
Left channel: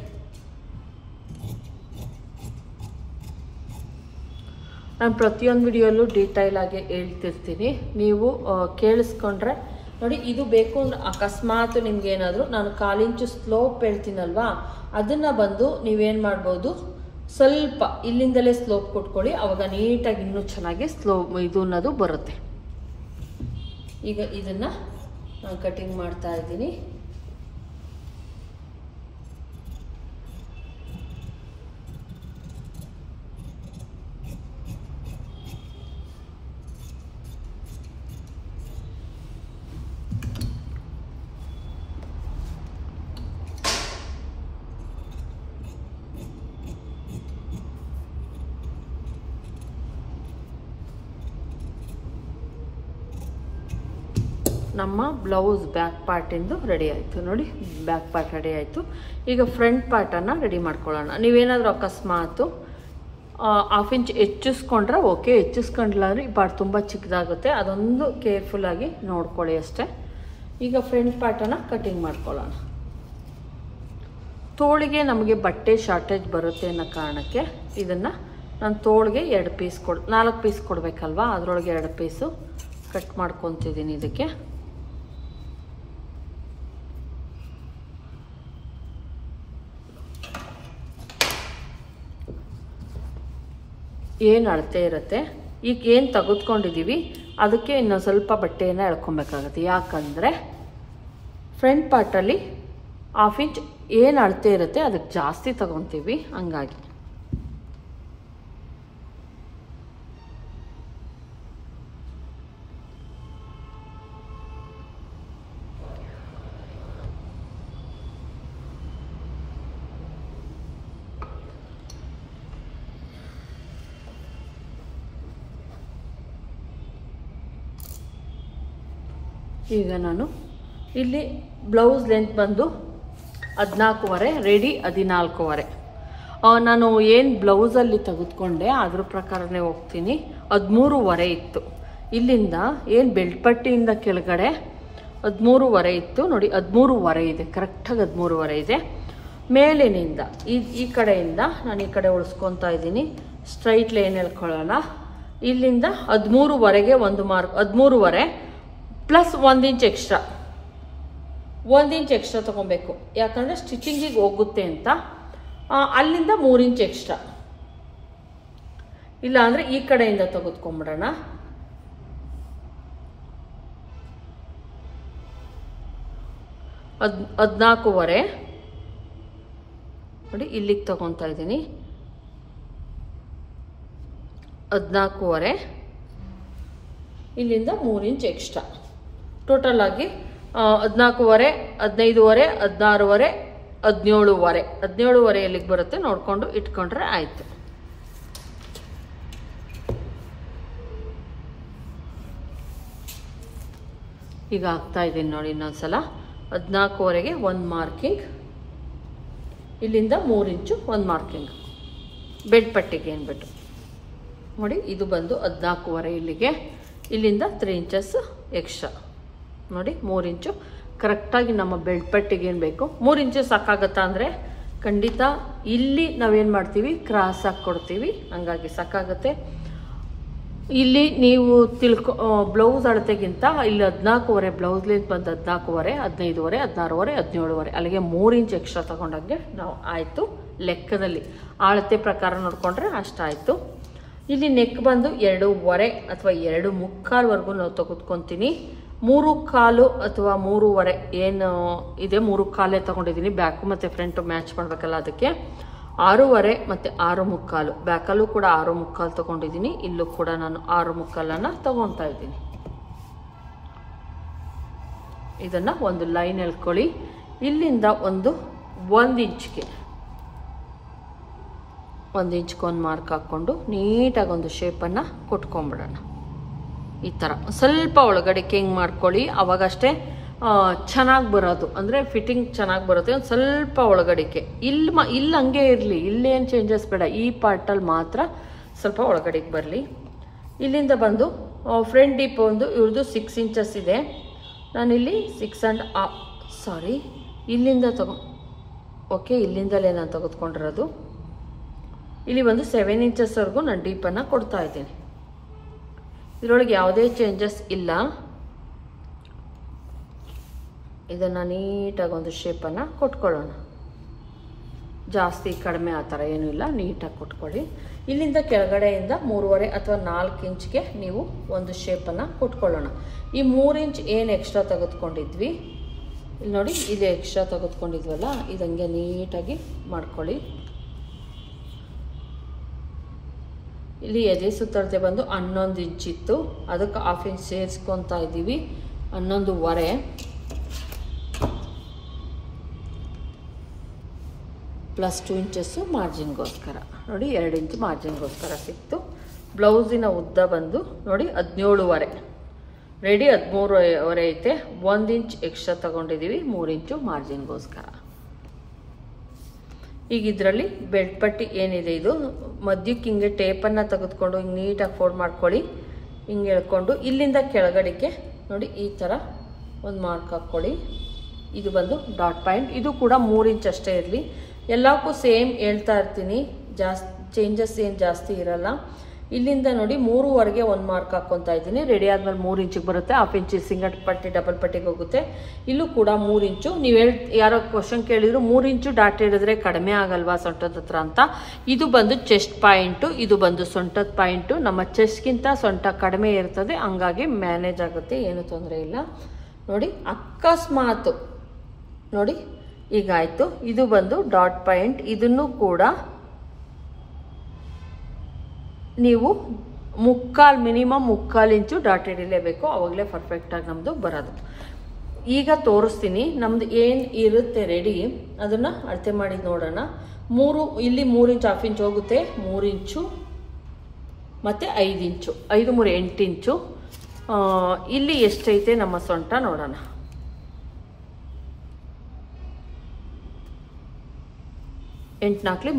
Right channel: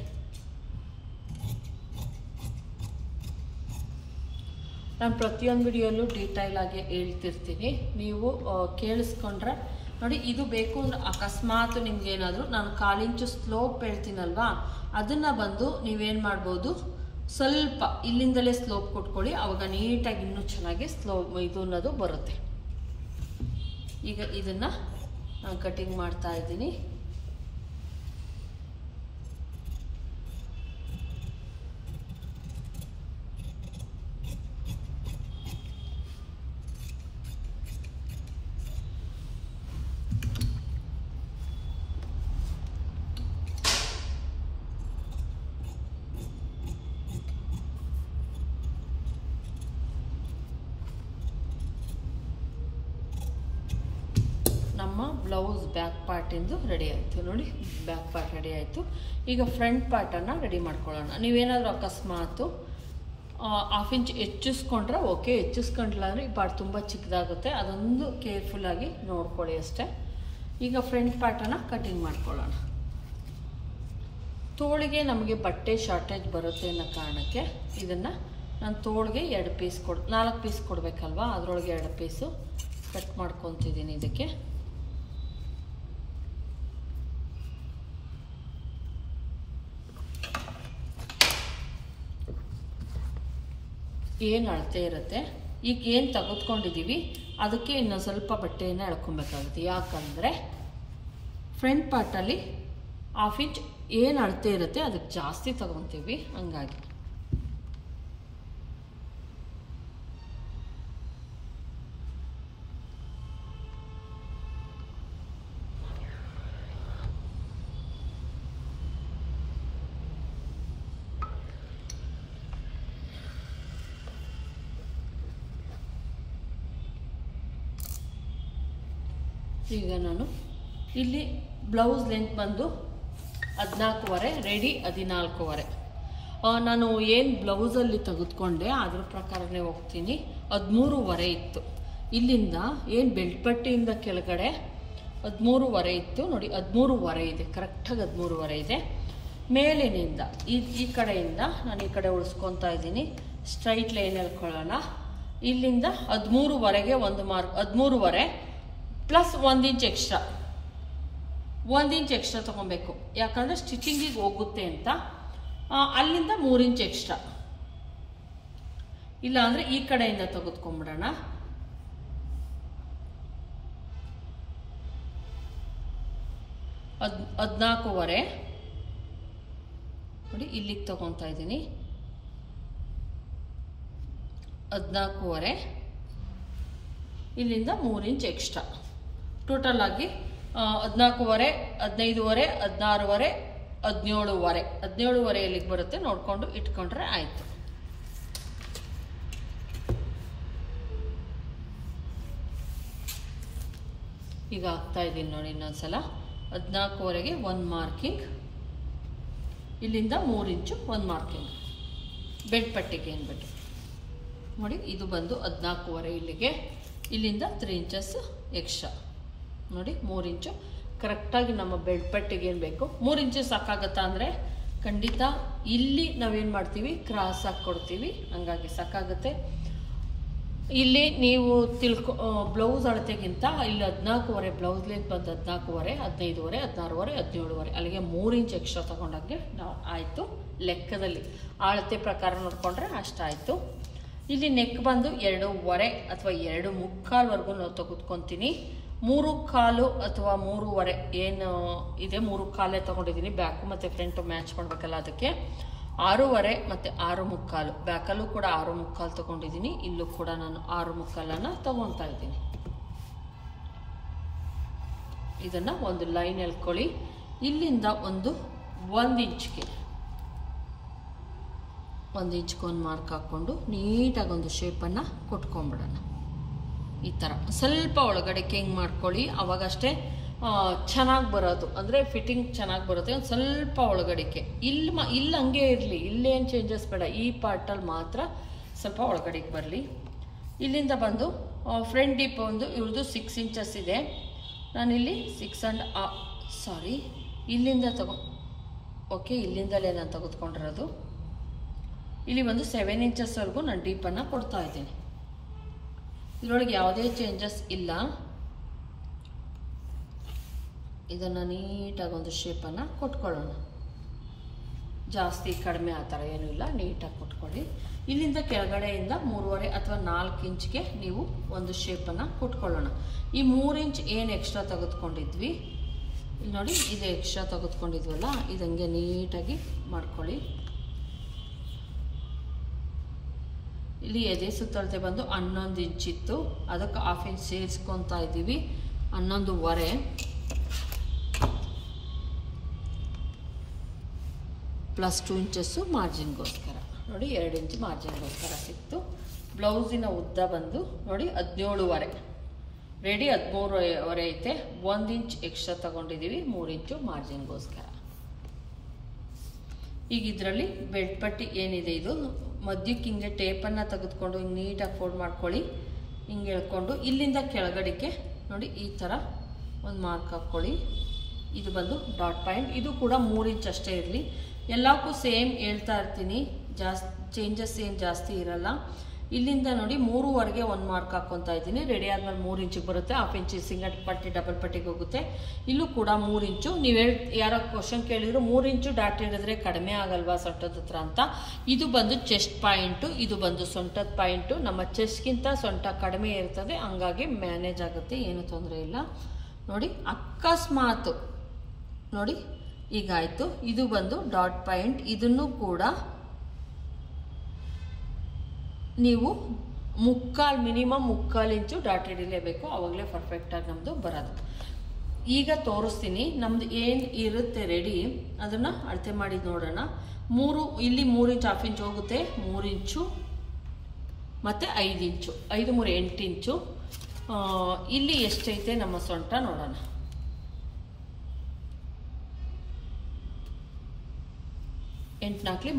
ನಾನು ಪ್ರತಿಯೊಂದು ವಿಡಿಯೋಲ್ಲೂ ಡೀಟೈಲ್ ಆಗಿ ಹೇಳ್ತಿರ್ತೀನಿ, ನೀವು ಕೇಳಿಸ್ಕೊಂಡ್ರೆ ನೋಡಿ. ಇದು ಬೇಕು ಅಂದ್ರೆ ಅಕಸ್ಮಾತ್ ನಿಮ್ಗೆ ಏನಾದರೂ ನಾನು 1/4 ಇಂಚು ಸ್ಲೋಪ್ ಹೇಳ್ತೀನಲ್ವಾ, ಅದನ್ನು ಬಂದು ನೀವೇನು ಮಾಡ್ಬೋದು, ಸ್ವಲ್ಪ ಇಲ್ಲಿಂದಲೇ ಸ್ಲೋಪ್ ಕೊಟ್ಕೊಳ್ಳಿ. ಅವಾಗ ನೀಟಾಗಿ ಇನ್ನೂ ಚೆನ್ನಾಗಿ ಇದು ಅನ್ನೋದು ಬರುತ್ತೆ. ಈಗ ಇದನ್ನು ನಾನು ಕಟಿಂಗ್ ಮಾಡ್ತಾ ಇದ್ದೀನಿ. ನಮ್ಮ ಬ್ಲೌಸ್ ಬ್ಯಾಕ್ ಪಾರ್ಟಿಂದು ರೆಡಿ ಆಯಿತು. ನೋಡಿ ಬ್ಯಾಕ್ ಪಾರ್ಟ್ ರೆಡಿ ಆಯಿತು. ಈಗ ಫ್ರಂಟ್ ಪಾರ್ಟನ್ನು ರೆಡಿ ಮಾಡ್ಕೊಳ್ಳೋಣ. ನೀವೇನಾದರೂ ಅಕಸ್ಮಾತು 1/2 ಇಂಚ್ ಹೆಚ್ಚಿಸ್ಕೊಂಡ್ರೆ ಓಕೆ, ಹೆಚ್ಚಿಸ್ಕೊಂಡ್ಲ ಅಂದರೆ ಈ ಪಾರ್ಟ್ ತುಂಬ ಚಿಕ್ಕದಾಗುತ್ತೆ. ಅದೊಂದು ಕೇರ್ಫುಲ್ಲಾಗಿ ನೋಡ್ಕೊಳ್ಳಿ ಅಷ್ಟೇ. ಈಗ ಫ್ರಂಟ್ ಪಾರ್ಟನ್ನು ಕಟಿಂಗ್ ಮಾಡ್ಕೊಳ್ಳೋಣ. ತೋಳಿಗೆ ನಮಗೆ ಬಟ್ಟೆ ಶಾರ್ಟೇಜ್ ಬರುತ್ತೆ ಅನ್ನೋ ಕಾರಣಕ್ಕೆ ಇದನ್ನು ನಾನು ತೋಳಿಗೆ 4 ಪೀಸ್ ಕೊಡಬೇಕಲ್ವಾ, ಅದರೊಳಗೆ 2 ಪೀಸು ಕಟ್ ಮಾಡ್ಕೊತಿದ್ದೀನಿ. ಇದಕ್ಕೆ ಏನು ಅಳತೆ ಇರುತ್ತೆ, ಈಗ ಏನು ತೆಗೆದುಕೊಂಡಿದ್ದೀವಿ ಅದಕ್ಕೆ ಇನ್ನೊಂದು ಸ್ವಲ್ಪ ಬಟ್ಟೆಯನ್ನು ಎಳ್ಕೊಬೇಕಾಗುತ್ತೆ. ಯಾಕಂದರೆ ಫ್ರಂಟ್ ಪಾರ್ಟಲ್ಲಿ 1/2 ಇಂಚ್ ಏನು ಅಳತೆ ಇರುತ್ತೆ ಅದಕ್ಕೆ ಜಾಸ್ತಿ ತಗೊತೀವಿ, ಹಂಗಾಗಿ ಈಗ ನಾನು ಇಲ್ಲಿ ಬ್ಲೌಸ್ ಲೆಂತ್ ಬಂದು 14.5, ರೆಡಿ 14.5. ನಾನು ಏನು ಬ್ಲೌಸಲ್ಲಿ ತೆಗೆದುಕೊಂಡೆ ಅದ್ರ ಪ್ರಕಾರನೇ ಹೋಗ್ತೀನಿ. 13.5 ಇತ್ತು. ಇಲ್ಲಿಂದ ಏನು ಬೆಲ್ಟ್ ಪಟ್ಟಿಯಿಂದ ಕೆಳಗಡೆ 13.5 ಇತ್ತು. ನೋಡಿ 13.5 ಇದೆ, ಕರೆಕ್ಟಾಗಿ 13.5 ಇದೆ. ಮೇಲಿನಿಂದ ಈ ಕಡೆಯಿಂದ ನಾನು ಈ ಕಡೆ ಉಳಿಸ್ಕೊತಾ ಇದ್ದೀನಿ. ಸ್ಟ್ರೈಟ್ ಲೈನ್ ಹೇಳ್ಕೊಳ್ಳೋಣ. ಇಲ್ಲಿಂದ 13.5ಗೆ ಒಂದು mark, 13.5 plus 1 inch extra, 1 inch extra ತಗೊಬೇಕು. ಯಾಕಂದರೆ ಸ್ಟಿಚಿಂಗಿಗೆ ಹೋಗುತ್ತೆ ಅಂತ. ಅಲ್ಲಿಂದ 3 ಇಂಚ್ ಎಕ್ಸ್ಟ್ರಾ, ಇಲ್ಲ ಅಂದರೆ ಈ ಕಡೆಯಿಂದ ತೆಗೆದುಕೊಂಡ್ಬಿಡೋಣ. ಅದು 14.5 ನೋಡಿ, ಇಲ್ಲಿಗೆ ತಗೊತಾ ಇದ್ದೀನಿ. 14.5 ಇಲ್ಲಿಂದ 3 ಇಂಚ್ ಎಕ್ಸ್ಟ್ರಾ. ಟೋಟಲ್ ಆಗಿ 14.5, 15.5, 16.5, 17.5. 17.5 ಎಲ್ಲಿಗೆ ಬರುತ್ತೆ ನೋಡ್ಕೊಂಡು ಇಟ್ಕೊಂಡ್ರೆ ಆಯ್ತು. ಈಗ ಆಗ್ತಾ ಇದ್ದೀನಿ ನೋಡಿ. ಇನ್ನೊಂದ್ಸಲ 14.5ಗೆ 1 ಮಾರ್ಕಿಂಗ್, ಇಲ್ಲಿಂದ 3 ಇಂಚು 1 ಮಾರ್ಕಿಂಗ್ ಬೆಡ್ ಪಟ್ಟಿಗೆ ಏನ್ಬಿಟ್ಟು ನೋಡಿ. ಇದು ಬಂದು 14.5 ಇಲ್ಲಿಗೆ, ಇಲ್ಲಿಂದ 3 ಇಂಚಸ್ ಎಕ್ಸ್ಟ್ರಾ ನೋಡಿ. 3 ಇಂಚು ಕರೆಕ್ಟಾಗಿ ನಮ್ಮ ಬೆಡ್ ಪಟ್ಟಿಗೆ ಏನು ಬೇಕು. 3 ಇಂಚು ಸಾಕಾಗತ್ತಾ ಅಂದರೆ ಖಂಡಿತ ಇಲ್ಲಿ ನಾವೇನು ಮಾಡ್ತೀವಿ, ಕ್ರಾಸ್ ಹಾಕಿ ಕೊಡ್ತೀವಿ, ಹಂಗಾಗಿ ಸಾಕಾಗುತ್ತೆ. ಇಲ್ಲಿ ನೀವು ಬ್ಲೌಸ್ ಅಳತೆಗಿಂತ ಇಲ್ಲಿ 14.5 ಬ್ಲೌಸ್ ಲೆಂತ್ ಬಂದು 14.5, 15.5, 16.5, 17.5 ಅಲ್ಲಿಗೆ 3 ಇಂಚ್ ಎಕ್ಸ್ಟ್ರಾ ತಗೊಂಡಾಗೆ ನಾವು ಆಯಿತು. ಲೆಕ್ಕದಲ್ಲಿ ಅಳತೆ ಪ್ರಕಾರ ನೋಡಿಕೊಂಡ್ರೆ ಅಷ್ಟಾಯಿತು. ಇಲ್ಲಿ ನೆಕ್ ಬಂದು 2.5 ಅಥವಾ 2.25ವರೆಗೂ ನಾವು ತೆಗೆದುಕೊತೀನಿ. 3.25 ಅಥವಾ 3.5 ಏನು ಇದೆ 3.25 ತಗೊಂಡಿದ್ದೀನಿ. ಬ್ಯಾಕು ಮತ್ತು ಫ್ರಂಟು ಮ್ಯಾಚ್ ಮಾಡಬೇಕಲ್ಲ, ಅದಕ್ಕೆ 6.5 ಮತ್ತು 6.25. ಬ್ಯಾಕಲ್ಲೂ ಕೂಡ 6.25 ತಗೊಂಡಿದ್ದೀನಿ. ಇಲ್ಲೂ ಕೂಡ ನಾನು 6.25 ತಗೊತಾ ಇದ್ದೀನಿ. ಇದನ್ನು ಒಂದು ಲೈನ್ ಎಳ್ಕೊಳ್ಳಿ. ಇಲ್ಲಿಂದ 1 ಇಂಚ್ಗೆ 1 ಇಂಚ್ಗೆ ಒಂದು ಮಾರ್ಕ್ ಹಾಕ್ಕೊಂಡು ನೀಟಾಗಿ ಒಂದು ಶೇಪನ್ನು ಕೊಟ್ಕೊಂಡ್ಬಿಡೋಣ. ಈ ಥರ ಸ್ವಲ್ಪ ಒಳಗಡೆಗೆ ಹಿಂಗೆ ಮಾಡ್ಕೊಳ್ಳಿ, ಅವಾಗಷ್ಟೇ ಚೆನ್ನಾಗಿ ಬರೋದು, ಅಂದರೆ ಫಿಟ್ಟಿಂಗ್ ಚೆನ್ನಾಗಿ ಬರುತ್ತೆ. ಒಂದು ಸ್ವಲ್ಪ ಒಳಗಡೆಗೆ ಇಲ್ಲಿ ಹಂಗೆ ಇರಲಿ, ಇಲ್ಲೇನು ಚೇಂಜಸ್ ಬೇಡ. ಈ ಪಾರ್ಟಲ್ಲಿ ಮಾತ್ರ ಸ್ವಲ್ಪ ಒಳಗಡೆಗೆ ಬರಲಿ. ಇಲ್ಲಿಂದ ಬಂದು ಫ್ರಂಟ್ ಡೀಪ್ ಒಂದು ಇವ್ರದ್ದು 6 ಇಂಚಸ್ ಇದೆ. ನಾನಿಲ್ಲಿ 6 ಇಲ್ಲಿಂದ ಓಕೆ, ಇಲ್ಲಿಂದಲೇ ನಾನು ತೆಗೆದುಕೊಂಡಿರೋದು. ಇಲ್ಲಿ ಒಂದು 7 ಇಂಚಸ್ವರೆಗೂ ನಾನು ಡೀಪನ್ನು ಕೊಡ್ತಾ ಇದ್ದೀನಿ. ಇದರೊಳಗೆ ಯಾವುದೇ ಚೇಂಜಸ್ ಇಲ್ಲ. ಇದನ್ನು ನೀಟಾಗಿ ಒಂದು ಶೇಪನ್ನು ಕೊಟ್ಕೊಳ್ಳೋಣ. ಜಾಸ್ತಿ ಕಡಿಮೆ ಆ ಥರ ಏನೂ ಇಲ್ಲ, ನೀಟಾಗಿ ಕೊಟ್ಕೊಳ್ಳಿ. ಇಲ್ಲಿಂದ ಕೆಳಗಡೆಯಿಂದ 3.5 ಅಥವಾ 4 ಇಂಚ್ಗೆ ನೀವು ಒಂದು ಶೇಪನ್ನು ಕೊಟ್ಕೊಳ್ಳೋಣ. ಈ 3 ಇಂಚ್ ಏನು ಎಕ್ಸ್ಟ್ರಾ ತೆಗೆದುಕೊಂಡಿದ್ವಿ, ಇಲ್ಲಿ ನೋಡಿ, ಇದು ಎಕ್ಸ್ಟ್ರಾ ತೆಗೆದುಕೊಂಡಿದ್ವಲ್ಲ, ಇದಂಗೆ ನೀಟಾಗಿ ಮಾಡ್ಕೊಳ್ಳಿ. ಇಲ್ಲಿ ಎದೆ ಸುತ್ತಳತೆ ಬಂದು 11 ಇಂಚ್ ಇತ್ತು, ಅದಕ್ಕೆ 1/2 ಇಂಚ್ ಸೇರಿಸ್ಕೊತಾ ಇದ್ದೀವಿ. 11.5 ಪ್ಲಸ್ 2 ಇಂಚಸ್ಸು ಮಾರ್ಜಿನ್ಗೋಸ್ಕರ ನೋಡಿ. 2 ಇಂಚ್ ಮಾರ್ಜಿನ್ಗೋಸ್ಕರ ಸಿಕ್ತು. ಬ್ಲೌಸಿನ ಉದ್ದ ಬಂದು ನೋಡಿ 17.5, ರೆಡಿ 13.5 ಐತೆ. 1 ಇಂಚ್ ಎಕ್ಸ್ಟ್ರಾ ತಗೊಂಡಿದ್ದೀವಿ 3 ಇಂಚು ಮಾರ್ಜಿನ್ಗೋಸ್ಕರ. ಈಗ ಇದರಲ್ಲಿ ಬೆಡ್ ಪಟ್ಟಿ ಏನಿದೆ, ಇದು ಮಧ್ಯಕ್ಕೆ ಹಿಂಗೆ ಟೇಪನ್ನು ತೆಗೆದುಕೊಂಡು ಹಿಂಗೆ ನೀಟಾಗಿ ಫೋಲ್ಡ್ ಮಾಡ್ಕೊಳ್ಳಿ. ಹಿಂಗೆ ಎಳ್ಕೊಂಡು ಇಲ್ಲಿಂದ ಕೆಳಗಡೆಗೆ ನೋಡಿ ಈ ಥರ ಒಂದು ಮಾರ್ಕ್ ಹಾಕ್ಕೊಳ್ಳಿ. ಇದು ಬಂದು ಡಾಟ್ ಪಾಯಿಂಟ್. ಇದು ಕೂಡ 3 ಇಂಚ್ ಅಷ್ಟೇ ಇರಲಿ. ಎಲ್ಲಕ್ಕೂ ಸೇಮ್ ಹೇಳ್ತಾ ಇರ್ತೀನಿ, ಚೇಂಜಸ್ ಏನು ಜಾಸ್ತಿ ಇರಲ್ಲ. ಇಲ್ಲಿಂದ ನೋಡಿ 3ವರೆಗೆ ಒಂದು ಮಾರ್ಕ್ ಹಾಕ್ಕೊತಾ ಇದ್ದೀನಿ. ರೆಡಿ ಆದ್ಮೇಲೆ 3 ಇಂಚಿಗೆ ಬರುತ್ತೆ. 1/2 ಇಂಚ್ ಸಿಂಗಲ್ ಪಟ್ಟಿ ಡಬಲ್ ಪಟ್ಟಿಗೆ ಹೋಗುತ್ತೆ. ಇಲ್ಲೂ ಕೂಡ 3 ಇಂಚು. ನೀವು ಯಾರೋ ಕ್ವಶನ್ ಕೇಳಿದ್ರು 3 ಇಂಚು ಡಾಟ್ ಹಿಡಿದ್ರೆ ಕಡಿಮೆ ಆಗಲ್ವಾ ಸೊಂಟದ ಹತ್ರ ಅಂತ. ಇದು ಬಂದು ಚೆಸ್ಟ್ ಪಾಯಿಂಟು, ಇದು ಬಂದು ಸೊಂಟದ ಪಾಯಿಂಟು. ನಮ್ಮ ಚೆಸ್ಟ್ಗಿಂತ ಸೊಂಟ ಕಡಿಮೆ ಇರ್ತದೆ, ಹಂಗಾಗಿ ಮ್ಯಾನೇಜ್ ಆಗುತ್ತೆ, ಏನು ತೊಂದರೆ ಇಲ್ಲ. ನೋಡಿ ಅಕಸ್ಮಾತ್ ನೋಡಿ ಈಗ ಆಯ್ತು. ಇದು ಬಂದು ಡಾಟ್ ಪಾಯಿಂಟ್. ಇದನ್ನು ಕೂಡ ನೀವು ಮಿನಿಮಮ್ 3/4 ಇಂಚು ಡಾಟ್ ಹಿಡಿಲೇಬೇಕು, ಅವಾಗಲೇ ಪರ್ಫೆಕ್ಟಾಗಿ ನಮ್ಮದು ಬರೋದು. ಈಗ ತೋರಿಸ್ತೀನಿ ನಮ್ದು ಏನು ಇರುತ್ತೆ ರೆಡಿ, ಅದನ್ನು ಅಳತೆ ಮಾಡಿ ನೋಡೋಣ. ಇಲ್ಲಿ 3 ಇಂಚ್ 1/2 ಇಂಚ್ ಹೋಗುತ್ತೆ, 3 ಇಂಚು ಮತ್ತು 5 ಇಂಚು, 5 3 8 ಇಂಚು. ಇಲ್ಲಿ ಎಷ್ಟೈತೆ ನಮ್ಮ ಸೊಂಟ ನೋಡೋಣ. ಎಂಟು 4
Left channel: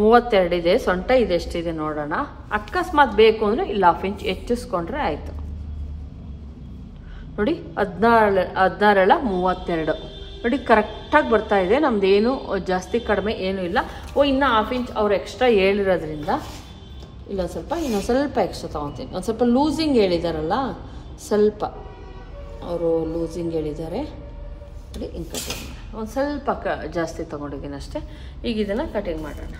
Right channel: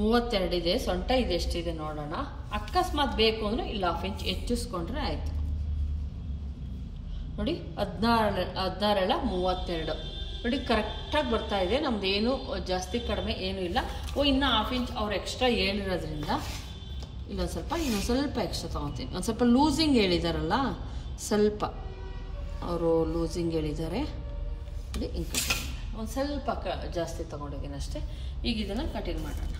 32 ಇದೆ. ಸೊಂಟ ಇದೆಷ್ಟಿದೆ ನೋಡೋಣ. ಅಕಸ್ಮಾತ್ ಬೇಕು ಅಂದರೆ ಇಲ್ಲಿ 1/2 ಇಂಚ್ ಹೆಚ್ಚಿಸ್ಕೊಂಡ್ರೆ ಆಯಿತು. ನೋಡಿ 16 32 ನೋಡಿ ಕರೆಕ್ಟಾಗಿ ಬರ್ತಾ ಇದೆ. ನಮ್ದೇನು ಜಾಸ್ತಿ ಕಡಿಮೆ ಏನೂ ಇಲ್ಲ. ಇನ್ನು 1/2 ಇಂಚ್ ಅವ್ರು ಎಕ್ಸ್ಟ್ರಾ ಹೇಳಿರೋದ್ರಿಂದ ಇನ್ನೊಂದು ಸ್ವಲ್ಪ ಎಕ್ಸ್ಟ್ರಾ ತೊಗೊತೀನಿ. ಒಂದು ಸ್ವಲ್ಪ ಲೂಸಿಂಗ್ ಹೇಳಿದಾರಲ್ಲ, ಸ್ವಲ್ಪ ಅವರು ಲೂಸಿಂಗ್ ಹೇಳಿದ್ದಾರೆ ನೋಡಿ. ಹಿಂಗೆ ಕಟಿಂಗ್ ಒಂದು ಸ್ವಲ್ಪ ಜಾಸ್ತಿ ತೊಗೊಂಡಿದ್ದೀನಿ ಅಷ್ಟೇ. ಈಗ ಇದನ್ನು ಕಟಿಂಗ್ ಮಾಡೋಣ.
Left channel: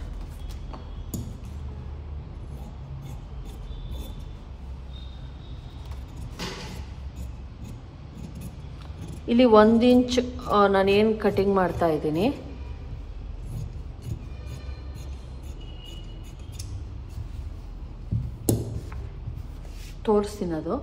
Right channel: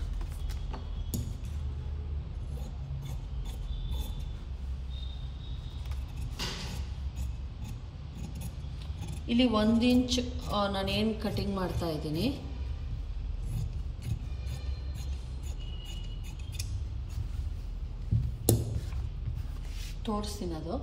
ಇಲ್ಲಿ 1 ಇಂಚ್ ನಾನೇನು ಕಟಿಂಗ್ ಮಾಡ್ತಾ ಇದ್ದೀನಿ, ತೋರಿಸ್ತೀನಿ ಅದು.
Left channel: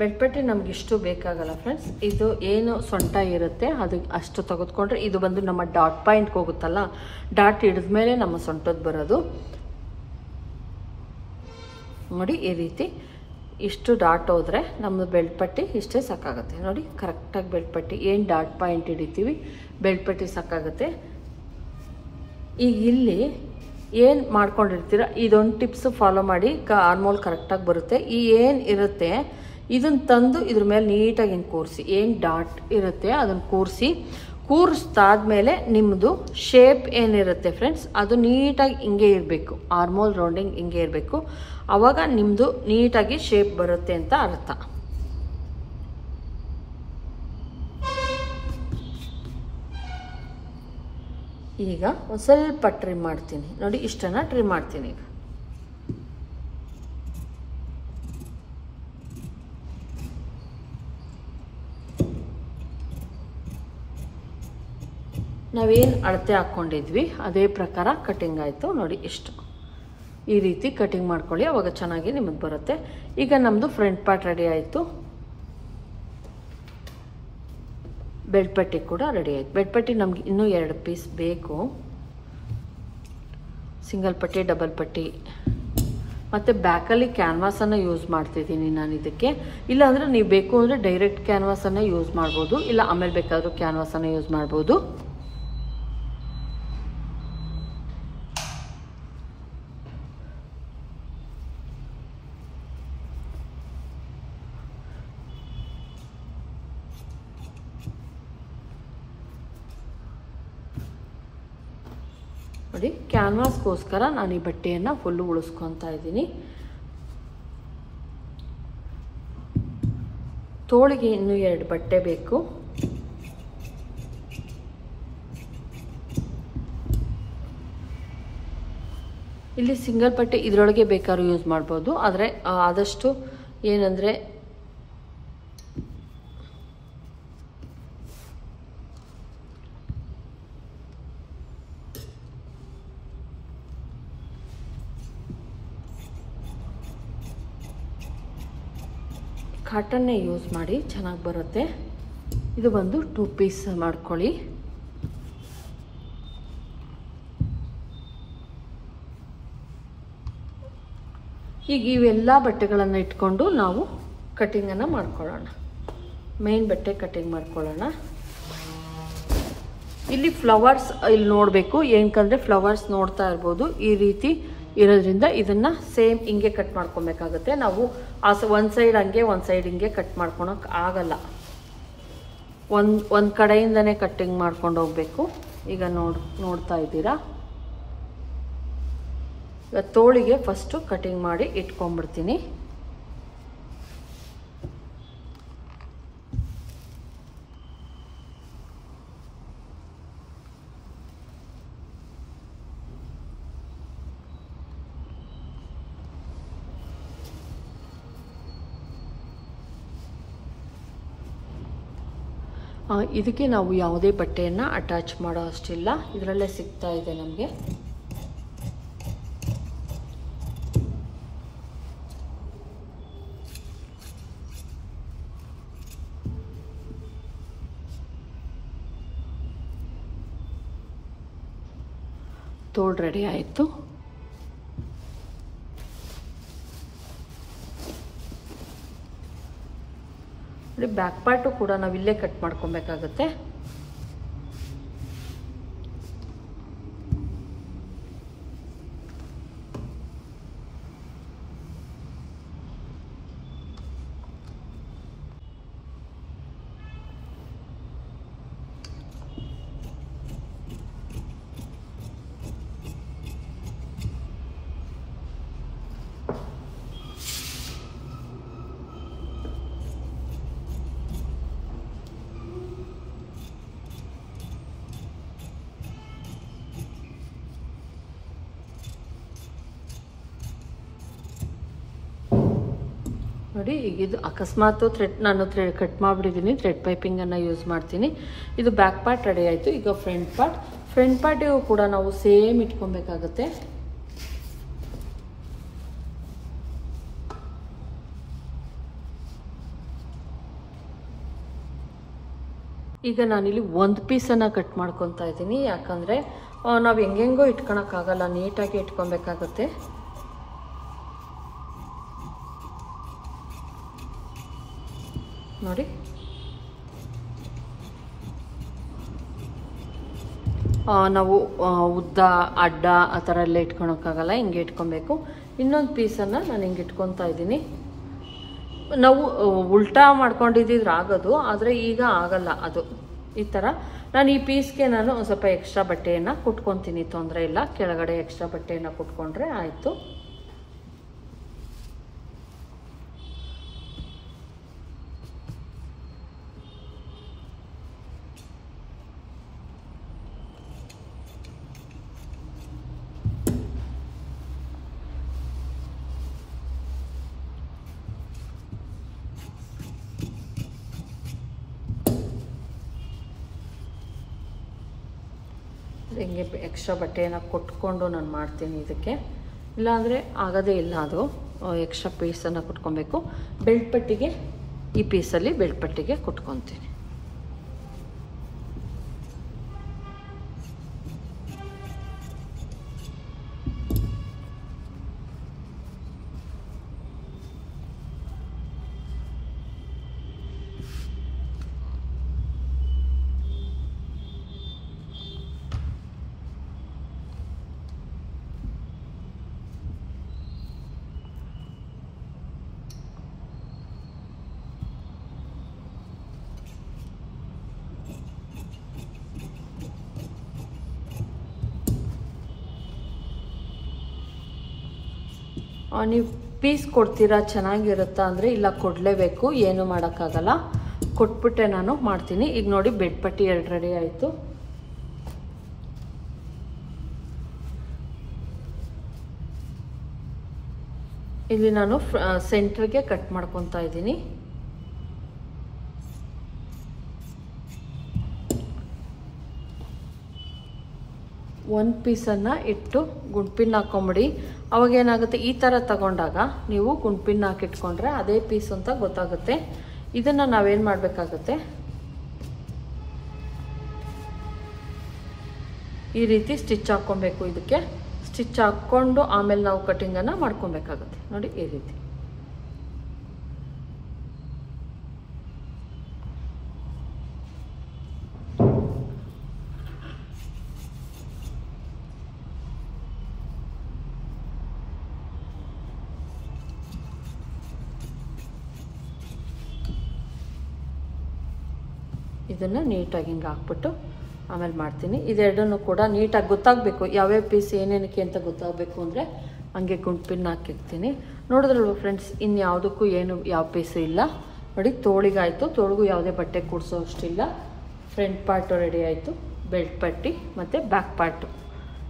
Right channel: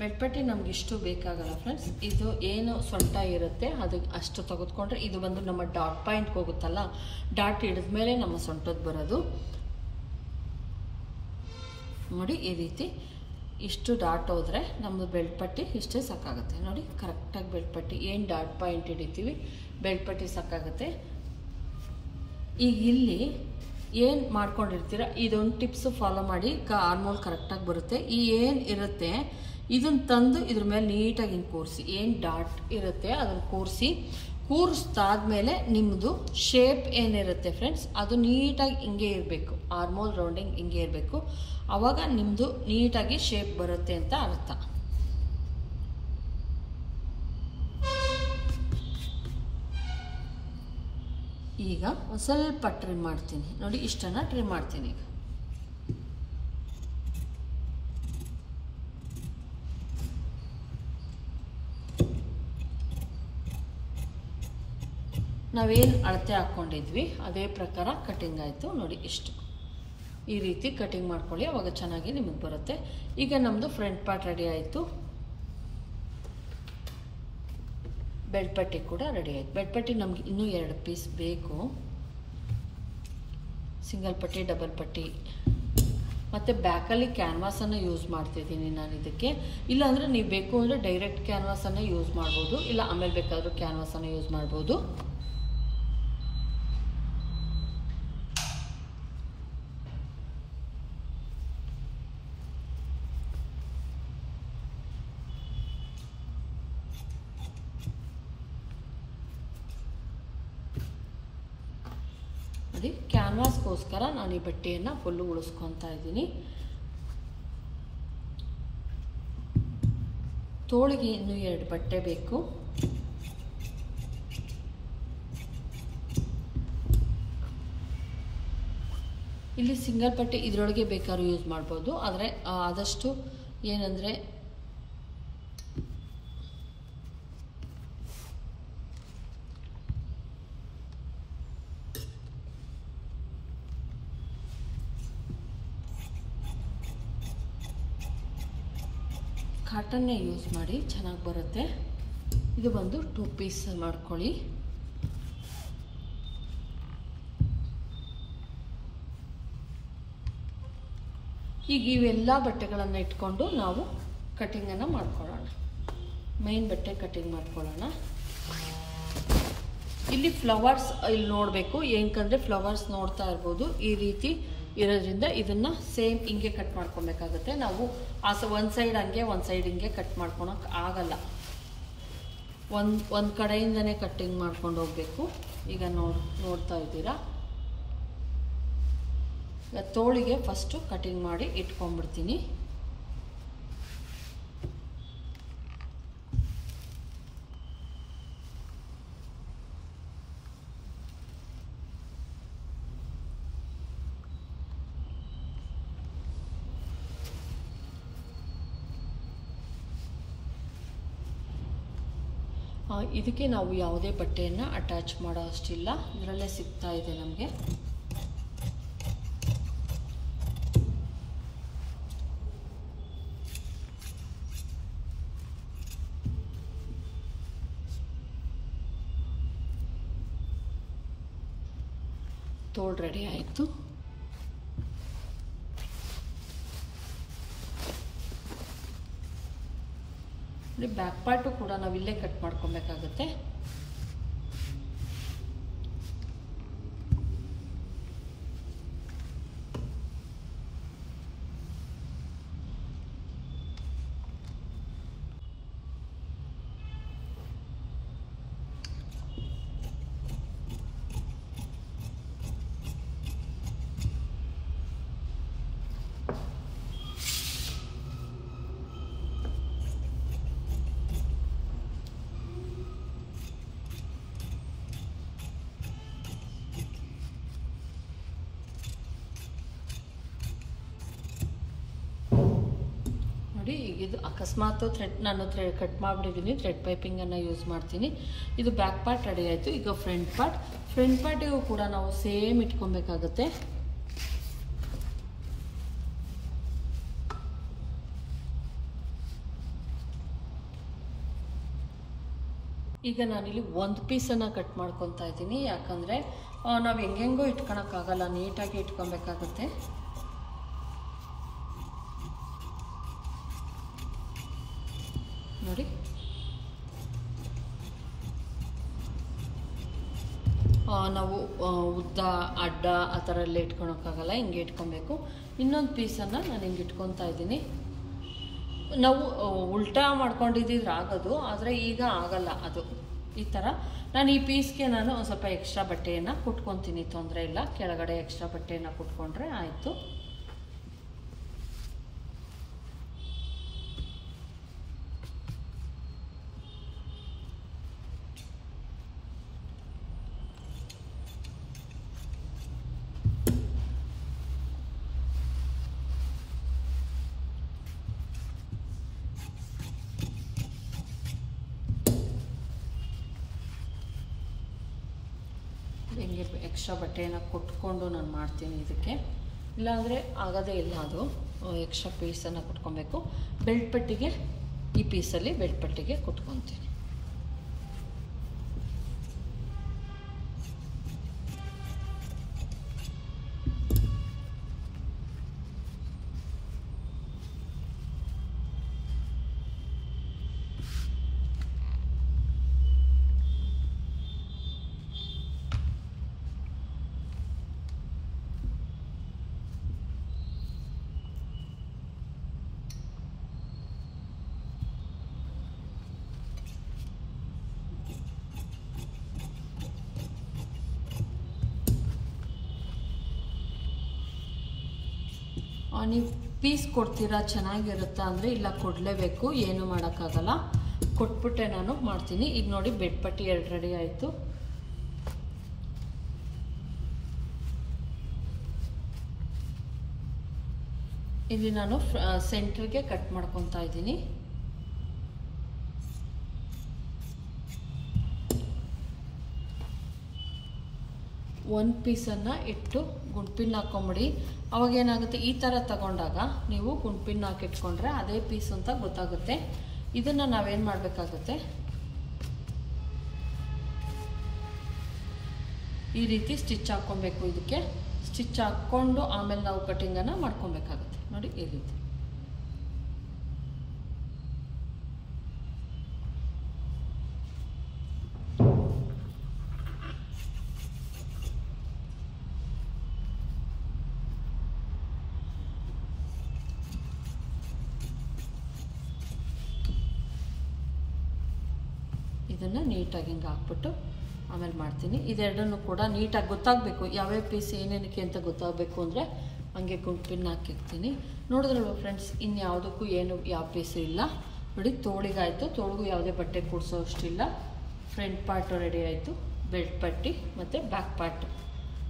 ಬೆಳ್ಪಟ್ಟಿ ನಮ್ಗೆ ಇಷ್ಟು ಬೇಕಾಗಲ್ಲ ಫ್ರೆಂಡ್ಸ್. ಇದು ಏನು ಸೊಂಟ ಇರುತ್ತೆ ಅದು ಅಷ್ಟು ತೆಗೆದುಕೊಂಡ್ರೆ ಇದು ಬಂದು ನಮ್ಮ ಡಾಟ್ ಪಾಯಿಂಟ್ಗೆ ಹೋಗುತ್ತಲ್ಲ, ಡಾಟ್ ಹಿಡಿದ್ಮೇಲೆ ನಮ್ಮ ಸೊಂಟದ ಬರೋದು ನೋಡಿ. ಈ ರೀತಿ ಇಷ್ಟು ಡಾಟ್ ಹೋದ್ರೆ ನಮ್ಮದು ಬೆಳ್ಪಟ್ಟಿ ಇಷ್ಟೇ ಸಾಕಾಗುತ್ತೆ ನೋಡಿ. ಕರೆಕ್ಟಾಗಿ ಬೆಳ್ಪಟ್ಟಿ ಏನು ಡಾಟ್ ಪಾಯಿಂಟ್ ಹಿಡಿತೀವಿ ಬೆಳ್ಪಟ್ಟಿ ಸಾಕಾಗುತ್ತೆ. ಈಗ ಇಲ್ಲಿ ಏನು ಮಾಡ್ಕೊಂಡಿರ್ತೀರ ಇದೊಂದು ಟಿಪ್ಸ್ ಫಾಲೋ ಮಾಡಿ, ಆರ್ಮೋಲ್ ಕರೆಕ್ಟಾಗಿ ಬರುತ್ತೆ. ಈ ಏನು ಇರುತ್ತೆ ಇದನ್ನು ತಂದು ಇದ್ರ ಮೇಲೆ ನೀಟಾಗಿ ಹಿಂಗೆ ಕೂರಿಸಿ, ಏನು ಡಾಟ್ ಇರುತ್ತೆ ಅದನ್ನು ಕೂರಿಸ್ದಾದ್ಮೇಲೆ ನಿಮ್ಮದು ಶೇಪ್ ಏನಿರುತ್ತೆ ಫ್ರೆಂಡ್ಸ್ ಅದು ನೀಟಾಗಿ ಹಿಂಗೆ ಇರಬೇಕು. ಆರ್ಮೋಲ್ ರೌಂಡಿಂಗ್ ಹಿಂಗೆ ಇರಬೇಕು. ಆವಾಗ ನಿಮ್ಮದು ನೀಟಾಗಿ ಶೇಪ್ ಬರುತ್ತೆ ಅಂತ ಅರ್ಥ. ಈಗ ಒಂದು ಸ್ವಲ್ಪ ಟ್ರಿಮ್ ಮಾಡ್ತೀನಿ ನೋಡಿ, ಇಷ್ಟನ್ನು ಟ್ರಿಮ್ ಮಾಡ್ತೀನಿ. ಈಗ ನಾವೇನು ಅಳತೆ ಹಾಕ್ಕೊಂಡಿದ್ವಿ ಅದೇ ಪ್ರಕಾರ ಕಟಿಂಗ್ ಆಯಿತು ನೋಡಿ. ಇಷ್ಟು ಈ ರೀತಿ ಕಟಿಂಗ್ ಮಾಡ್ಕೊಳ್ಳಿ, ಅವಾಗ ಚೆನ್ನಾಗಿ ನಿಮಗೆ ಬರುತ್ತೆ. ಈಗ ನಮ್ಮದು ಫ್ರಂಟ್ ಪಾರ್ಟ್ ರೆಡಿ ಆಯಿತು, ಬೆಳ್ಪಟ್ಟಿ ಕೂಡ ರೆಡಿ ಆಯಿತು. ಬೆಳ್ಪಟ್ಟಿ ನಮ್ಗೆ ಇನ್ನೂ 2 ಪೀಸ್ ಬೇಕು, ಸಿಂಗಲ್ ಪಟ್ಟಿ ಡಬಲ್ ಪಟ್ಟಿ. ಮತ್ತು ಬ್ಯಾಕಲ್ಲಿ ಕ್ಯಾನ್ವಾಸನ್ನು ಯೂಸ್ ಮಾಡ್ತಿದ್ದೀನಿ ನಾನು ಇದಕ್ಕೆ. ಇಲ್ಲಾಂದರೆ ನೀವು ಬೇಕು ಅಂದರೆ ಡೈರೆಕ್ಟ್ ಕ್ಯಾನ್ವಾಸನ್ನು ಯೂಸ್ ಮಾಡ್ಬೋದು, ಇಲ್ಲ ಆಮೇಲೆ ಬೇಕಾದರೂ ಕ್ಯಾನ್ವಾಸನ್ನು ಯೂಸ್ ಮಾಡ್ಬೋದು. ನೋಡಿ ಕ್ಯಾನ್ವಾಸ್ಗೋಸ್ಕರ ನಾನು ಈ ಬಟ್ಟೆಯನ್ನು ಫುಲ್ಲು ಉಳಿಸ್ಕೊತಾ ಇದ್ದೀನಿ. ತೋಳಿಗೆ ಇನ್ನೂ 2 ಬಟ್ಟೆ ಬೇಕು. ಇಲ್ಲಿ ಸಿಂಗಲ್ ಬಟ್ಟೆ ಇದರೊಳಗೆ ಬೇಕಾದ್ರೂ ಯೂಸ್ ಮಾಡ್ಬೋದು, ಆದರೆ ಆದಷ್ಟು ಏನಂದರೆ ಕಾಟನ್ನೇ ಯೂಸ್ ಮಾಡಿ ಚೆನ್ನಾಗಿ ಬರುತ್ತೆ. ಇದು ಬಂದು 2 ಪೀಸ್ ಮಾಡ್ಕೊಳ್ಳಿ. ಈಗ ಇವೆಲ್ಲ ಬಟ್ಟೆಗಳನ್ನು ಇಟ್ಕೊಂಡು ನಾವು ಕಟಿಂಗನ್ನು ಮಾಡ್ಕೊಳ್ಳೋಣ. ಮೇನ್ ಬಟ್ಟೆ ಕಟಿಂಗ್ ಮಾಡ್ಕೊಳ್ಳೋಣ. ಇಲ್ಲಿ ಫ್ಲವರ್ಸ್ ಇಲ್ಲಿ ನೋಡಬೇಕು, ಏನಕ್ಕಂದ್ರೆ ಫ್ಲವರ್ಸ್ ನೋಡ್ತಾ ಇರ್ಬೋದು ಈ ರೀತಿ ಇರೋದ್ರಿಂದ ಇದನ್ನ ಸೇಮ್ ಹಿಂಗೆ ಕಟ್ ಮಾಡ್ಕೊಬೇಕಾಗುತ್ತೆ. ನಾವು ಒಂದು ಸೈಡ್ ಹಂಗೆ ಒಂದು ಸೈಡ್ ಹಿಂಗೆ ಕಟ್ ಮಾಡ್ಕೊಳಕ್ ಆಗಲ್ಲ, ಒಂದು ಕಡೆಯಿಂದನೇ ಕಟ್ಟಿಂಗ್ ಮಾಡ್ಕೊಂಡು ಹೋಗ್ಬೇಕು. ಈಗ ನೋಡ್ತಾ ಇದ್ದೀರಾ. ಈಗ ತೋಳಿಗೆ ಫಸ್ಟ್ ಕಟಿಂಗ್ ಮಾಡಿ ಇಟ್ಕೊಂಡ್ಬಿಡ್ತೀನಿ. ಇದಕ್ಕೆ ನಾವು ಯಾವುದೇ ಬಟ್ಟೆಯನ್ನು ಅಟ್ಯಾಚ್ ಮಾಡೋ ಅಷ್ಟಿಲ್ಲ, ಇದರಲ್ಲೇ ಸಿಗ್ತಾ ಇದೆ ನಮಗೆ. ತೋಳು ರೆಡಿ ಆಯಿತು. ಬ್ಯಾಕ್ ಪಾರ್ಟು ಕೂಡ ನಾವು ಇಲ್ಲೇ ಕಟ್ ಮಾಡ್ಕೊಬೇಕಾಗುತ್ತೆ. ನೋಡಿ ಈಗ ಇದು ಅಕಸ್ಮಾತ್ ನಾನು ಕಟ್ ಮಾಡಿಬಿಟ್ಟಿದ್ದೀನಿ, ಥ್ರೆಡ್ ಪೈಪಿಂಗನ್ನು ಯೂಸ್ ಮಾಡ್ತೀನಿ. ಇದು ಬ್ಯಾಕ್ ಪಾರ್ಟ್ ರೆಡಿ ಆಯಿತು. ಈಗ ಫ್ರಂಟ್ ಪಾರ್ಟಿಗೂ ಕೂಡ ನಾವು ಸೇಮ್ ಇಟ್ಕೊಬೇಕಾಗುತ್ತೆ. ಈಗ ನಾನಿಲ್ಲಿ ಒಂದು ಪೀಸನ್ನು ಕಟ್ ಮಾಡ್ಕೊತಾ ಇದ್ದೀನಿ, ಯಾಕಂದರೆ ನಾವು ಹೆಂಗೆಂಗೋ ಇಟ್ಕೊಳಕ್ಕಾಗಲ್ಲ, ನೀಟಾಗಿ ಇಟ್ಕೊಬೇಕಾಗತ್ತೆ. ನೋಡಿ ನಾವು ಉದ್ದ ಅಡ್ಡ ಆ ಥರ ಎಲ್ಲ ಇಟ್ಕೊಳಕ್ಕಾಗಲ್ಲ, ಹಿಂಗೆ ಇಟ್ಕೊಬೇಕು. ಇನ್ನೊಂದು ಪೀಸನ್ನು ನಾನು ಹಿಂಗೆ ಇಟ್ಕೊತಾ ಇದ್ದೀನಿ. ನಾವು ಉಲ್ಟಾ ಮಾಡ್ಕೊಂಡಿದ್ದಿದ್ರೆ ಆಗೋದು, ಆದರೆ ಈಗ ಆಗಲ್ಲ ಅದು. ಈ ಥರ ನಾನು ಈ ಪೀಸ್ಗೆ ನಾನು ಒಂದು ಸ್ವಲ್ಪ ಎಕ್ಸ್ಟ್ರಾ ಬಟ್ಟೆಯನ್ನು ಕುಟ್ಕೊತೀನಿ, ತೊಂದರೆ ಇಲ್ಲ. ಕೆಳಗಡೆ ಎಕ್ಸ್ಟ್ರಾ ಬಟ್ಟೆಯನ್ನು ಕುಟ್ಕೊಂಡ್ರೆ ಆಯಿತು. ಹಿಂಗೆ ಎಕ್ಸ್ಟ್ರಾ ಬಟ್ಟೆಯನ್ನು ಕೊಟ್ಕೊಂಡು ನಾನು ಮಾಡ್ತೀನಿ ಇದಕ್ಕೆ, ಇಲ್ಲಾಂದರೆ ಆಗೋದೇ ಇಲ್ಲ. ಅದು ಎಕ್ಸ್ಟ್ರಾ ಪೀಸನ್ನು ಕುಟ್ಕೊಬೇಕು. ಬೆಲ್ಟ್ ಪಟ್ಟಿಗೆ ಈ ಪೀಸಲ್ಲಿ ಬೆಲ್ಟ್ ಪಟ್ಟಿಗೆ ಕುಟ್ಕೊತೀನಿ. ನೀವು ಪೀಸ್ ಕೊಡ್ತೀರಾ ಚೆನ್ನಾಗಿರುತ್ತಾ ಅಂದರೆ ಇಲ್ಲ, ಕೊಡಲೇಬೇಕು, ಏನು ಮಾಡೋಕ್ಕಾಗಲ್ಲ. ಕೊಟ್ಬಿಟ್ಟೆ ನಾನು ಮಾಡ್ತೀನಿ. ಈಗ ನೋಡಿ ಬೆಡ್ ಪಟ್ಟಿ 2 ರೆಡಿ ಆಯಿತು. ಇಲ್ಲಿ ನಾನು ಸೆಂಟ್ರಿಗೆ ಕಟ್ ಮಾಡ್ಕೊತಾ ಇದ್ದೀನಿ. ಒಂದು ಪೀಸನ್ನು ಇಟ್ಟು ಗುಂಡ್ಪಿನ್ ಹಾಕೊಂಬಿಡಿ. ಅವಾಗ ಏನಾಗುತ್ತೆ, ಈ ಥರ ತಗೊಂಡಾಗ ನೀವು ಗುಂಡ್ಪಿನ್ ಹಾಕಿಟ್ಕೊಂಡ್ರೆ ಅದೇ ಪೀಸ್ ಅಂತ ಗೊತ್ತಾಗುತ್ತೆ. ಇದನ್ನು ನಾವೇನು ಮಾಡಬೇಕಾಗುತ್ತೆ, ಈ ರೀತಿ ಸ್ಟಿಚ್ ಹಾಕ್ಕೊಬೇಕು. ಇದಕ್ಕೆ ಸ್ಟಿಚ್ ಹಾಕ್ಕೊಂಡು ಆಮೇಲೆ ನಾವು ಕಟಿಂಗನ್ನು ಮಾಡ್ಕೊಬೇಕಾಗುತ್ತೆ. ನೋಡಿ ಈ ರೀತಿ. ಇದನ್ನು ನೀಟಾಗಿ ಹಿಂಗೆ ಹಾಕ್ಬಿಟ್ಟು ಆಮೇಲೆ ಮಾಡ್ತೀನಿ. ಇದೆರಡನ್ನು ಕೂಡ ನೀಟಾಗಿ ಗೊತ್ತಾಗಬೇಕು, ಯಾವ್ಯಾವ ಪೀಸ್ ಏನೇನಕ್ಕೆ ಅಂತ ಗೊತ್ತಾಗಬೇಕು ಅಂದರೆ ಹಂಗೆ ಗುಂಡ್ಪಿನ್ ಹಾಕಿರ್ತೀನಿ. ನೋಡಿದ್ರಲ್ವ ಫ್ರೆಂಡ್ಸ್, ಇನ್ಯಾವುದಕ್ಕೂ ಯಾವ ಪೀಸು ಇಲ್ಲ. ನೋಡಿ ತೋಳಿಗಾಯಿತು, ತೋಳಿಗೂ ಯಾವುದೇ ಬಟ್ಟೆ ಕೂಡಿಸೋ ಅಷ್ಟಿಲ್ಲ. ಫ್ರಂಟ್ ಪಾರ್ಟು ರೆಡಿ ಆಯಿತು, ಬೆಲ್ಟ್ ಪಟ್ಟಿ ಮತ್ತು ಬ್ಯಾಕ್ ಪಾರ್ಟು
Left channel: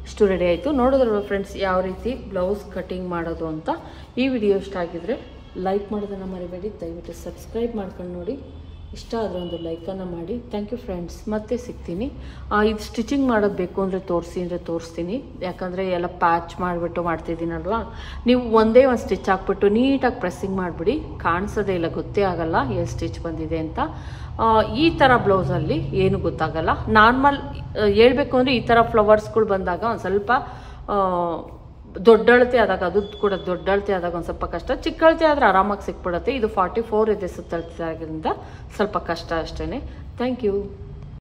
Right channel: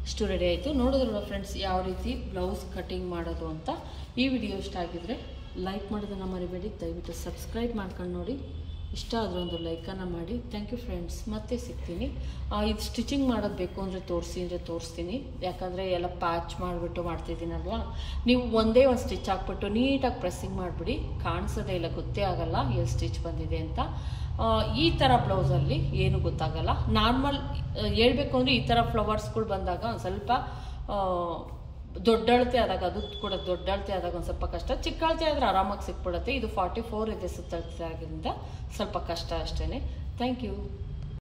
ಇಷ್ಟು ರೆಡಿ ಆಯಿತು. ನೋಡಿದ್ರಲ್ವ ಫ್ರೆಂಡ್ಸ್ ಯಾವ ರೀತಿ ಬ್ಲೌಸ್ ಕಟಿಂಗ್ ಮಾಡೋದು ಅಂತ. ಈ ವಿಡಿಯೋ ಇಷ್ಟ ಆಗಿದ್ರೆ ಲೈಕ್ ಮಾಡೋದನ್ನು ಮರಿಬೇಡಿ, ದಯವಿಟ್ಟು ಸಬ್ಸ್ಕ್ರೈಬ್ ಮಾಡ್ಕೊಂಡು ನೋಡಿ. ಇಷ್ಟ ಆದರೆ ಒಂದು ಲೈಕನ್ನು ಮಾಡಿ. ಥ್ಯಾಂಕ್ ಯು ಫ್ರೆಂಡ್ಸ್, ಮತ್ತೆ ಸಿಗ್ತೀನಿ. ಇದು ಸ್ಟಿಚಿಂಗ್ ಮಾಡೋದು ಬೇಕು ಅಂದರೆ ತೋರಿಸ್ತೀನಿ, ಯಾಕಂದರೆ ಎಲ್ಲ ಪ್ಯಾಚ್ ಮಾಡಿಬಿಟ್ಟು ಮಾಡ್ತಿದ್ದೀನಲ್ವಾ. ನೀವು ಒಂದೇ ಒಂದು ಸ್ಟಿಚ್ ಹಾಕ್ಬಿಟ್ಟು ನೀಟಾಗಿ ಪ್ರೆಸ್ಸಿಂಗ್ ಮಾಡಿಬಿಡಿ, ಕಾಣಿಸೋದೇ ಇಲ್ಲ, ಗೊತ್ತೇ ಆಗಲ್ಲ ಏನು ಸ್ಟಿಚ್ ಬಂದಿದೆ ಅಂತ. ಈ ಥರ ಬ್ಲೌಸಲ್ಲಿ ಏನು ಗೊತ್ತಾಗಲ್ಲ. ನಾರ್ಮಲ್ ಹೇಳ್ಬೇಕು ಅಂದರೆ ಈ ಥರ ಫ್ಲವರ್ಸ್ಗಳು ಬಂದಾಗ ಒಂದು ಸ್ವಲ್ಪ ದೊಡ್ಡಳತೆ ಆದಾಗ, ಅದು ಕೂಡ ದೊಡ್ಡಳತೆ ಆದಾಗ ಒಂದು ಸ್ವಲ್ಪ ಕಷ್ಟ. ಚಿಕ್ಕಳತೆ ಆದರೆ ಆರಾಮಾಗಿ ಸಿಕ್ಬಿಡುತ್ತೆ. ಇದು 44 ಇದೆ ಸುತ್ತಳತೆ ಆಗಿದ್ದರಿಂದ ಸ್ವಲ್ಪ ಕಷ್ಟ ಅಷ್ಟೇ. Thank you.